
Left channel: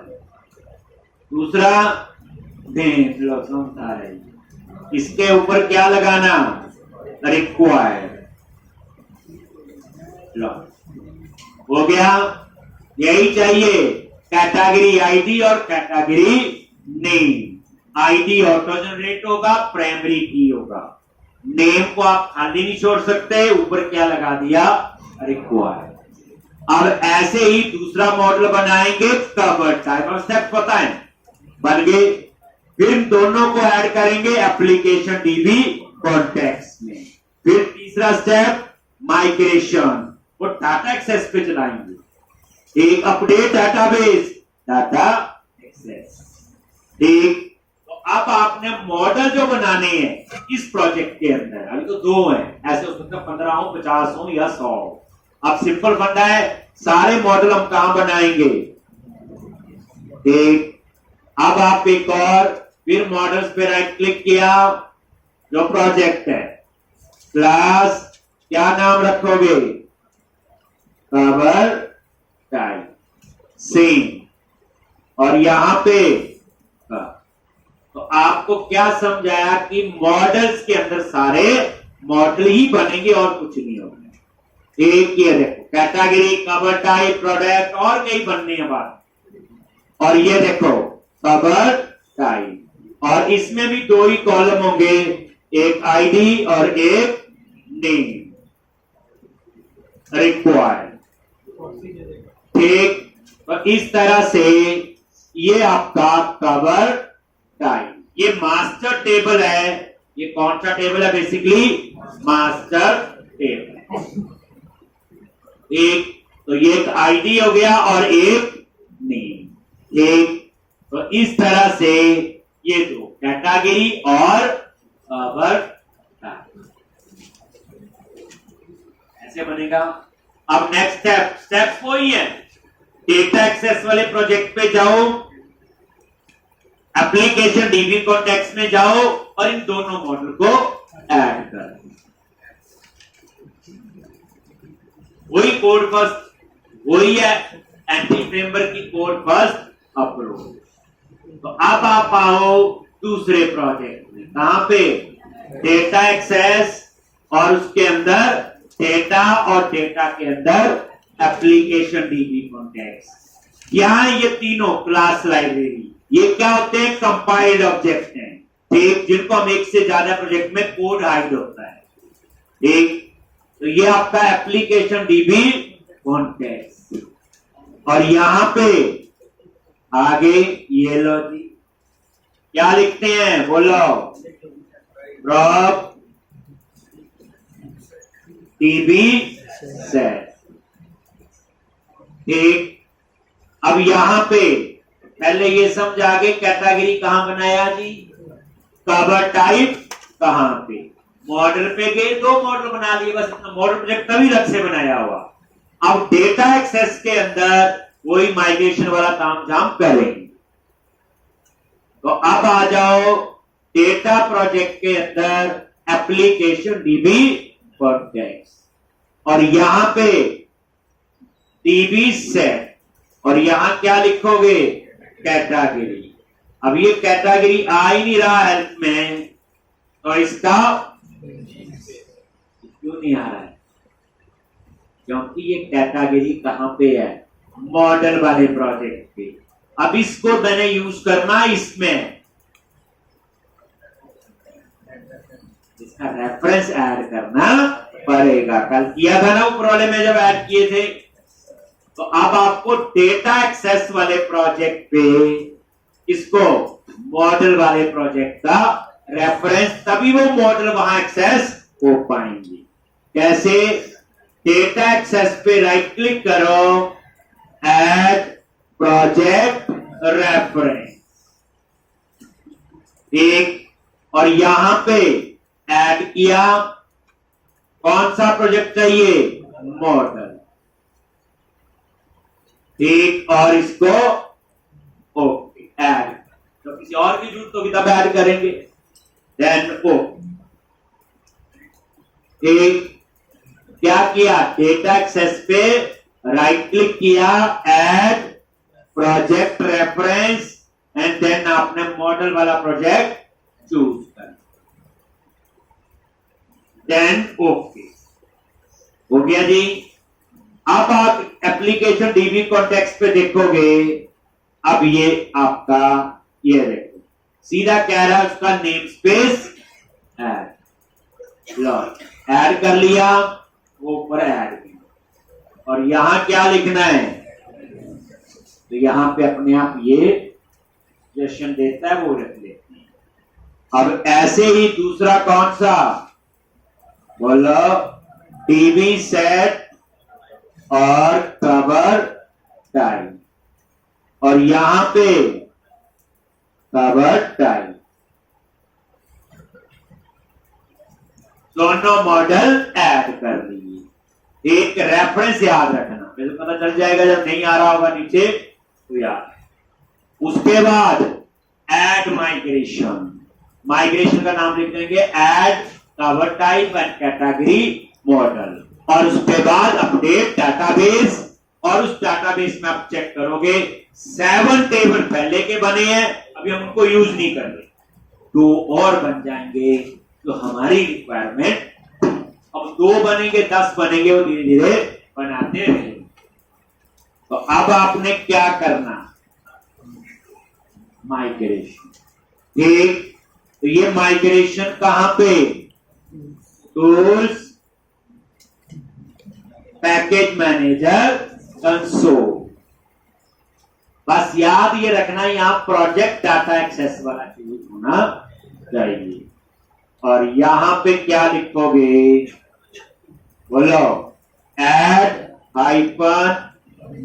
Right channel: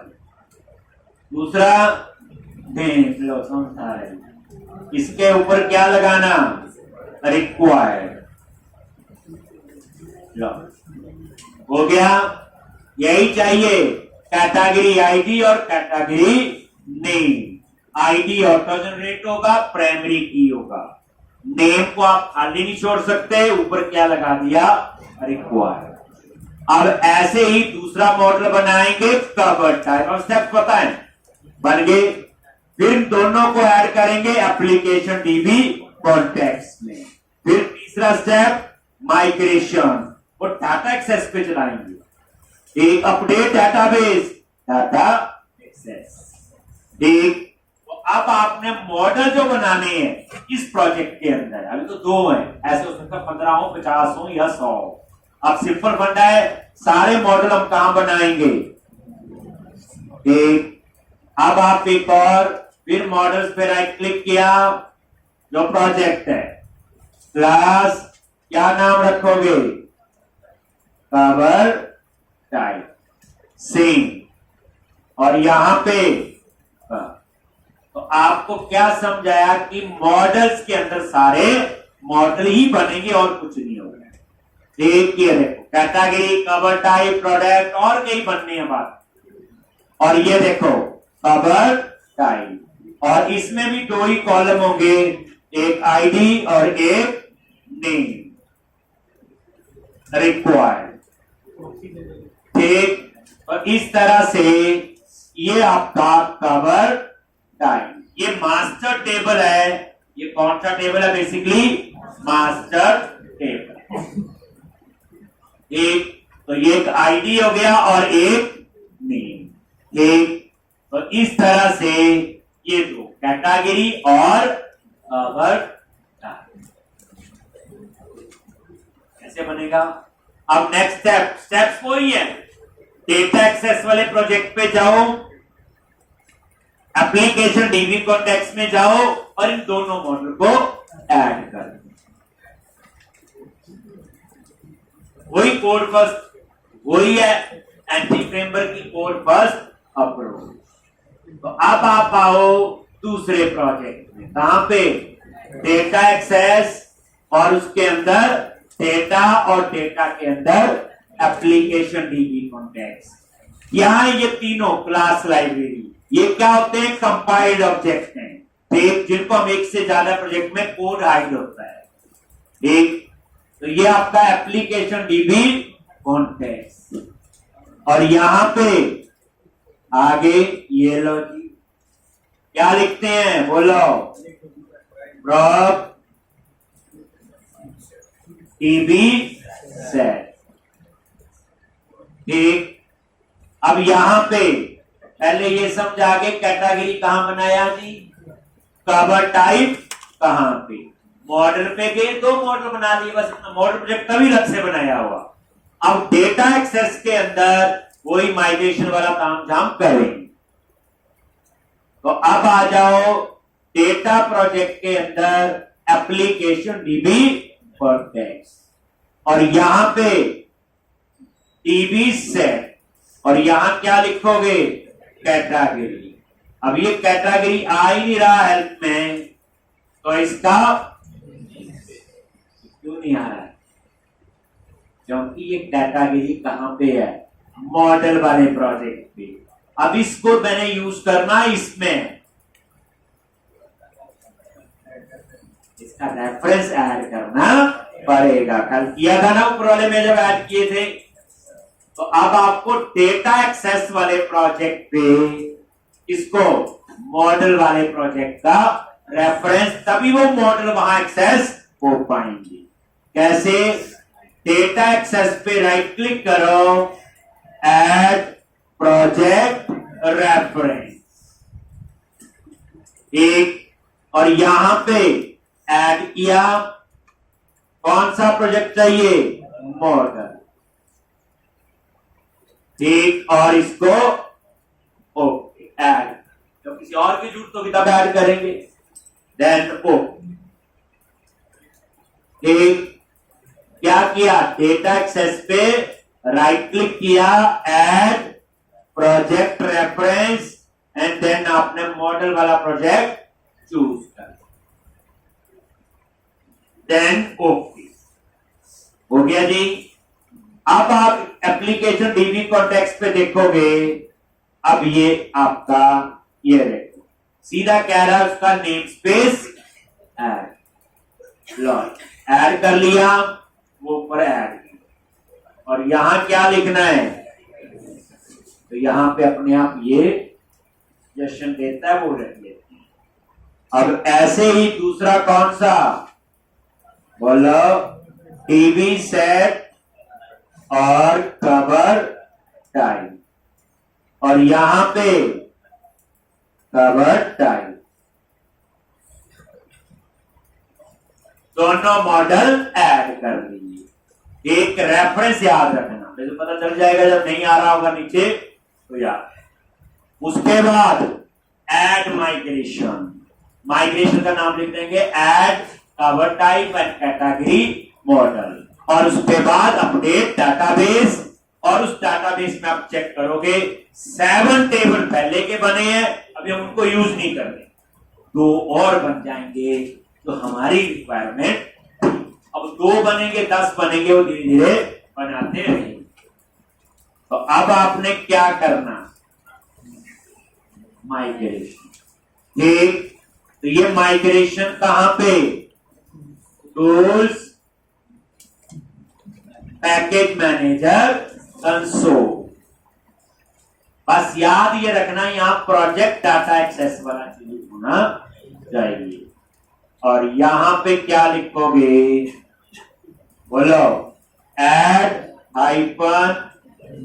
दूसरा नेम लो, इसके ऊपर क्या लगाना, रिक्वायर्ड लो, हो गया। यही चाहिए, कैटेगरी आईडी और category name. ID auto generate होगा, प्राइमरी की होगा, नेम को आप खाली नहीं छोड़ सकते, ऊपर क्या लगा दिया, रिक्वायर्ड। अब ऐसे ही दूसरा मॉडल बनाएंगे, कवर टाइप। अब स्टेप पता है, बन गए। फिर दोनों को ऐड करेंगे एप्लीकेशन डीबी कॉन्टेक्स्ट में। फिर तीसरा स्टेप माइग्रेशन, वो डाटा एक्सेस पे चलाएंगे। एक अपडेट डाटाबेस, डाटा एक्सेस। ठीक, तो अब आपने मॉडल जो बनाने हैं इस प्रोजेक्ट के अंदर, अभी तो दो हैं, ऐसे हो सकता है 15 हो, 50 हो या 100। अब सिंपल फंडा है, सारे मॉडल हम कहां बनाएंगे, एक। अब आप एक और फिर मॉडल्स पे राइट क्लिक किया, जो प्रोजेक्ट है, क्लास क्या नाम रखोगे, कवर टाइप, सेम। और यहां पे तो आपको क्या समझाया कि मॉडल्स के अंदर सारे मॉडल ही बनेंगे और कुछ नहीं होगा। एक ये देखो कैटेगरी, कवर टाइप, प्रोडक्ट, और कई बनने हैं बात। और ये देखो कवर टाइप, और इसमें भी दो ही कॉलम होंगे, एक आईडी और एक नेम, रिक्वायर्ड। ठीक, तो इस तरह से ये आपका कवर टाइप। ये मास्टर टेबल है। ये कौन सा टेबल है, बेसिकली मास्टर टेबल। एक तो ये एक आईडी हो गया और एक नेम। एक तो इस तरह से ये दो कैटेगरी और कवर टाइप ऐसे बनेगा। अब नेक्स्ट स्टेप्स वही है, डेटा एक्सेस वाले प्रोजेक्ट पे जाओ, एप्लीकेशन डीबी कॉन्टेक्स्ट में जाओ, और इन दोनों मॉडल को ऐड कर, वही कोड फर्स्ट, वही है एंटी फ्रेमवर्क की कोड फर्स्ट अप्रोच। तो अब आप आओ दूसरे प्रोजेक्ट में, कहां पे, डेटा एक्सेस, और उसके अंदर डेटा, और डेटा के अंदर एप्लीकेशन डीबी कॉन्टेक्स्ट। यहां ये तीनों क्लास लाइब्रेरी, ये क्या होते हैं, कंपाइल्ड ऑब्जेक्ट हैं, ठीक, जिनको हम एक से ज्यादा प्रोजेक्ट में कोड हाइड होता है। ठीक, तो ये आपका एप्लीकेशन डीबी कॉन्टेक्स्ट। और यहां पे आगे ये लो जी, क्या लिखते हैं बोलो, प्रॉप टीबी सेट। ठीक, अब यहां पे पहले ये समझा के कैटेगरी कहां बनाया जी, कवर टाइप कहां पे, मॉडल पे गए, 2 मॉडल बना लिए बस, मॉडल प्रोजेक्ट तभी अलग से बनाया हुआ। अब डेटा एक्सेस के अंदर वही माइग्रेशन वाला काम जाम करेंगे। तो अब आ जाओ डेटा प्रोजेक्ट के अंदर एप्लीकेशन डीबी कॉन्टेक्स्ट, और यहां पे डीबी सेट, और यहां क्या लिखोगे, कैटेगरी। अब ये कैटेगरी आ ही नहीं रहा हेल्प में, तो इसका क्यों नहीं आ रहा है, क्योंकि ये कैटेगरी कहां पे है, मॉडल वाले प्रोजेक्ट पे। अब इसको मैंने यूज करना इसमें, इसका रेफरेंस ऐड करना पड़ेगा। कल किया था ना वो प्रॉब्लम में जब ऐड किए थे। तो अब आपको डेटा एक्सेस वाले प्रोजेक्ट पे इसको मॉडल वाले प्रोजेक्ट का रेफरेंस, तभी वो मॉडल वहां एक्सेस हो पाएंगे। कैसे, डेटा एक्सेस पे राइट क्लिक करो, ऐड प्रोजेक्ट रेफरेंस, ठीक, और यहां पे ऐड किया, कौन सा प्रोजेक्ट चाहिए, मॉडल, ठीक, और इसको ओके ऐड, तो किसी और की जरूरत होगी तब ऐड करेंगे, देन ओके। ठीक, क्या किया, डेटा एक्सेस पे राइट क्लिक किया, add project reference, and then आपने मॉडल वाला प्रोजेक्ट चूज कर, देन ओके, हो गया जी। अब आप एप्लीकेशन डीबी कॉन्टेक्स्ट पे देखोगे, अब ये आपका ये देखो सीधा कह रहा है उसका नेम स्पेस ऐड, ऐड कर लिया, वो ऊपर ऐड किया, और यहां क्या लिखना है, तो यहां पे अपने आप ये सजेशन देता है वो रख लेते हैं। अब ऐसे ही दूसरा कौन सा बोलो, टीबी सेट और कवर टाइप, और यहां पे कवर टाइप, दोनों मॉडल ऐड कर दिए। एक रेफरेंस याद रखना, मुझे पता चल जाएगा जब नहीं आ रहा होगा नीचे तो याद। उसके बाद ऐड माइग्रेशन, माइग्रेशन का नाम लिख देंगे add cover type and category model, और उसके बाद अपडेट डाटाबेस, और उस डाटाबेस में आप चेक करोगे 7 टेबल पहले के बने हैं, अभी हम उनको यूज नहीं कर रहे, 2 और बन जाएंगे तो हमारी रिक्वायरमेंट, अब 2 बनेंगे 10 बनेंगे, वो धीरे धीरे बनाते रहेंगे। तो अब आपने क्या करना, माइग्रेशन, ठीक, तो ये माइग्रेशन कहां पे, टूल्स, पैकेज मैनेजर, कंसोल, बस याद ये रखना यहां प्रोजेक्ट डाटा एक्सेस वाला चीज होना चाहिए। और यहां पे क्या लिखोगे, बोलो add hyphen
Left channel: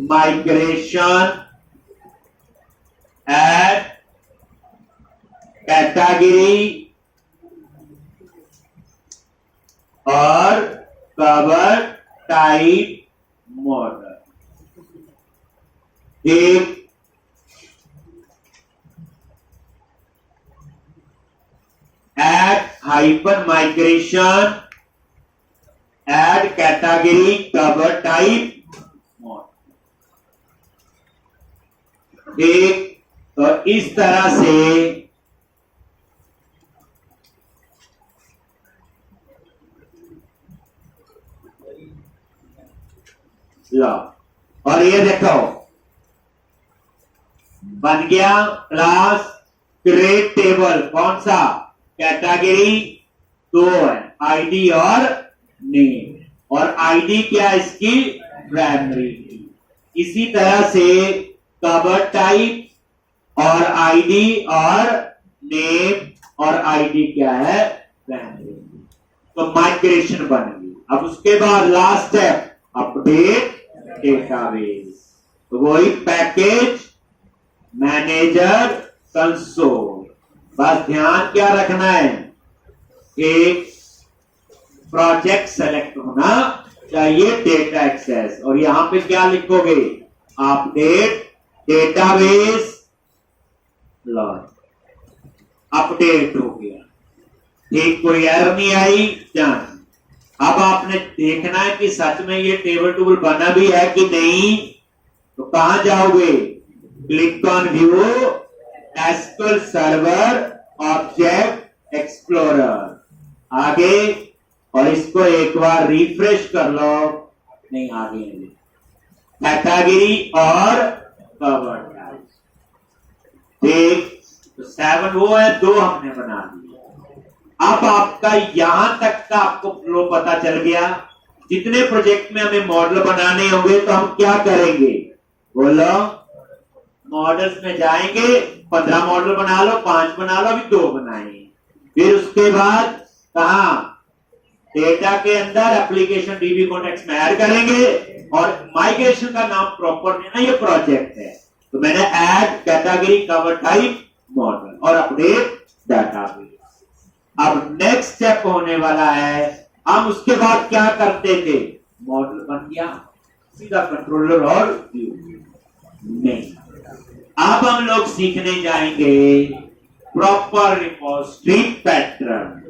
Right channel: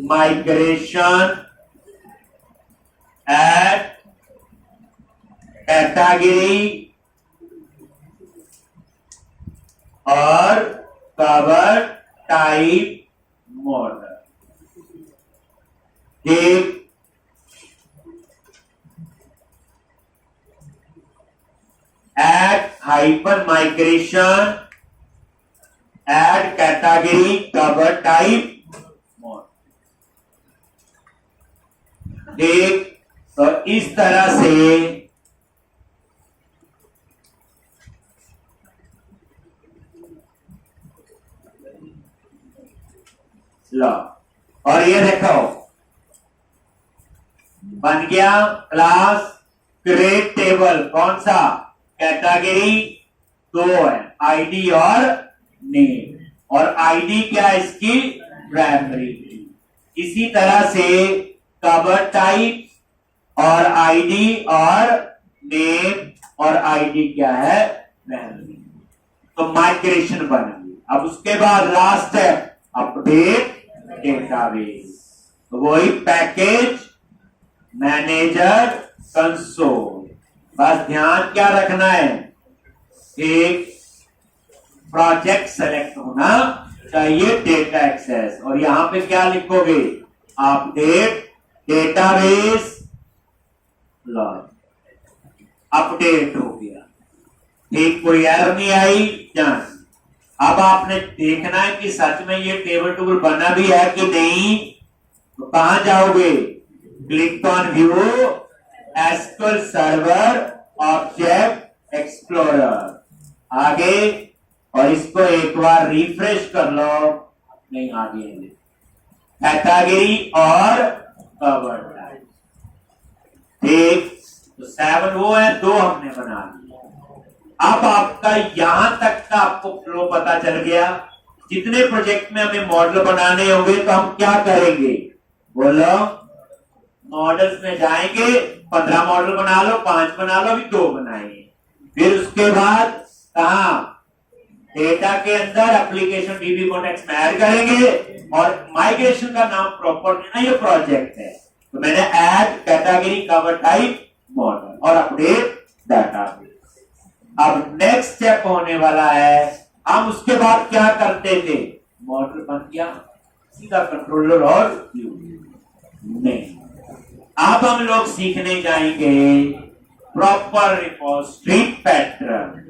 migration add category और कवर टाइप मॉडल, ठीक, add hyphen migration add category cover type model, ठीक। तो इस तरह से लो, और ये देखो बन गया क्लास क्रिएट टेबल, कौन सा, कैटेगरी 2 है, आईडी और नेम, और आईडी क्या है इसकी, प्राइमरी की। इसी तरह से कवर टाइप और आईडी और नेम और आईडी क्या है, प्राइमरी। तो माइग्रेशन बन गई। अब उसके बाद लास्ट है अपडेट डेटाबेस। तो वही पैकेज मैनेजर कंसोल। बस ध्यान क्या रखना है, एक प्रोजेक्ट सेलेक्ट होना चाहिए, डेटा एक्सेस, और यहां पे क्या लिखोगे, अपडेट डेटाबेस लॉग। अपडेट हो गया, ठीक, कोई एरर नहीं आई, जान। अब आपने देखना है कि सच में ये टेबल टेबल बना भी है कि नहीं। तो कहां जाओगे, click on view SQL server object explorer, आगे, और इसको एक बार रिफ्रेश कर लो, नहीं आगे कैटेगरी और कवर टाइप, ठीक। तो 7 वो है, 2 हमने बना दिए। अब आपका यहां तक का आपको फ्लो पता चल गया। जितने प्रोजेक्ट में हमें मॉडल बनाने होंगे तो हम क्या करेंगे, बोलो, मॉडल्स में जाएंगे, 15 मॉडल बना लो, 5 बना लो, अभी 2 बनाएंगे। फिर उसके बाद कहा, डेटा के अंदर एप्लीकेशन डीबी कॉन्टेक्स्ट में ऐड करेंगे, और माइग्रेशन का नाम प्रॉपर देना, ये प्रोजेक्ट है। तो मैंने add category cover type model और अपडेट डाटाबेस। अब नेक्स्ट स्टेप होने वाला है, हम उसके बाद क्या करते थे, मॉडल बन गया, सीधा कंट्रोलर और व्यू नहीं। अब हम लोग सीखने जाएंगे proper repository pattern.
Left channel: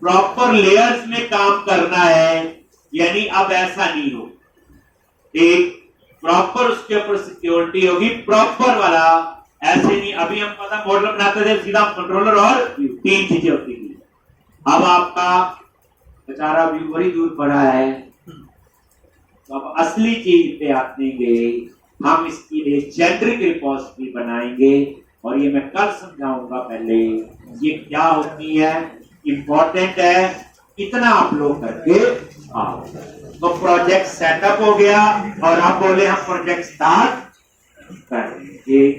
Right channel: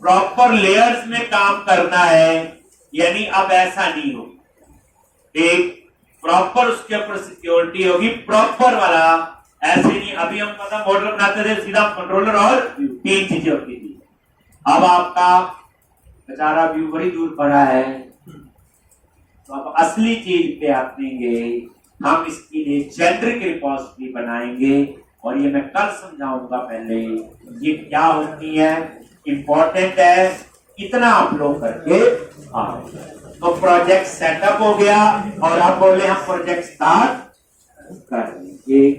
Proper layers में काम करना है, यानी अब ऐसा नहीं हो, एक प्रॉपर उसके ऊपर सिक्योरिटी होगी, प्रॉपर वाला, ऐसे नहीं। अभी हम पता मॉडल बनाते थे, सीधा कंट्रोलर और व्यू, 3 चीजें होती थी। अब आपका बेचारा व्यू बड़ी दूर पड़ा है, तो अब असली चीज पे आएंगे, हम इसके लिए जेनरिक रिपोजिटरी बनाएंगे, और ये मैं कल समझाऊंगा। पहले ये क्या होती है, इंपॉर्टेंट है, इतना आप लोग करके आओ। तो प्रोजेक्ट सेटअप हो गया, और आप बोले हम प्रोजेक्ट स्टार्ट करेंगे।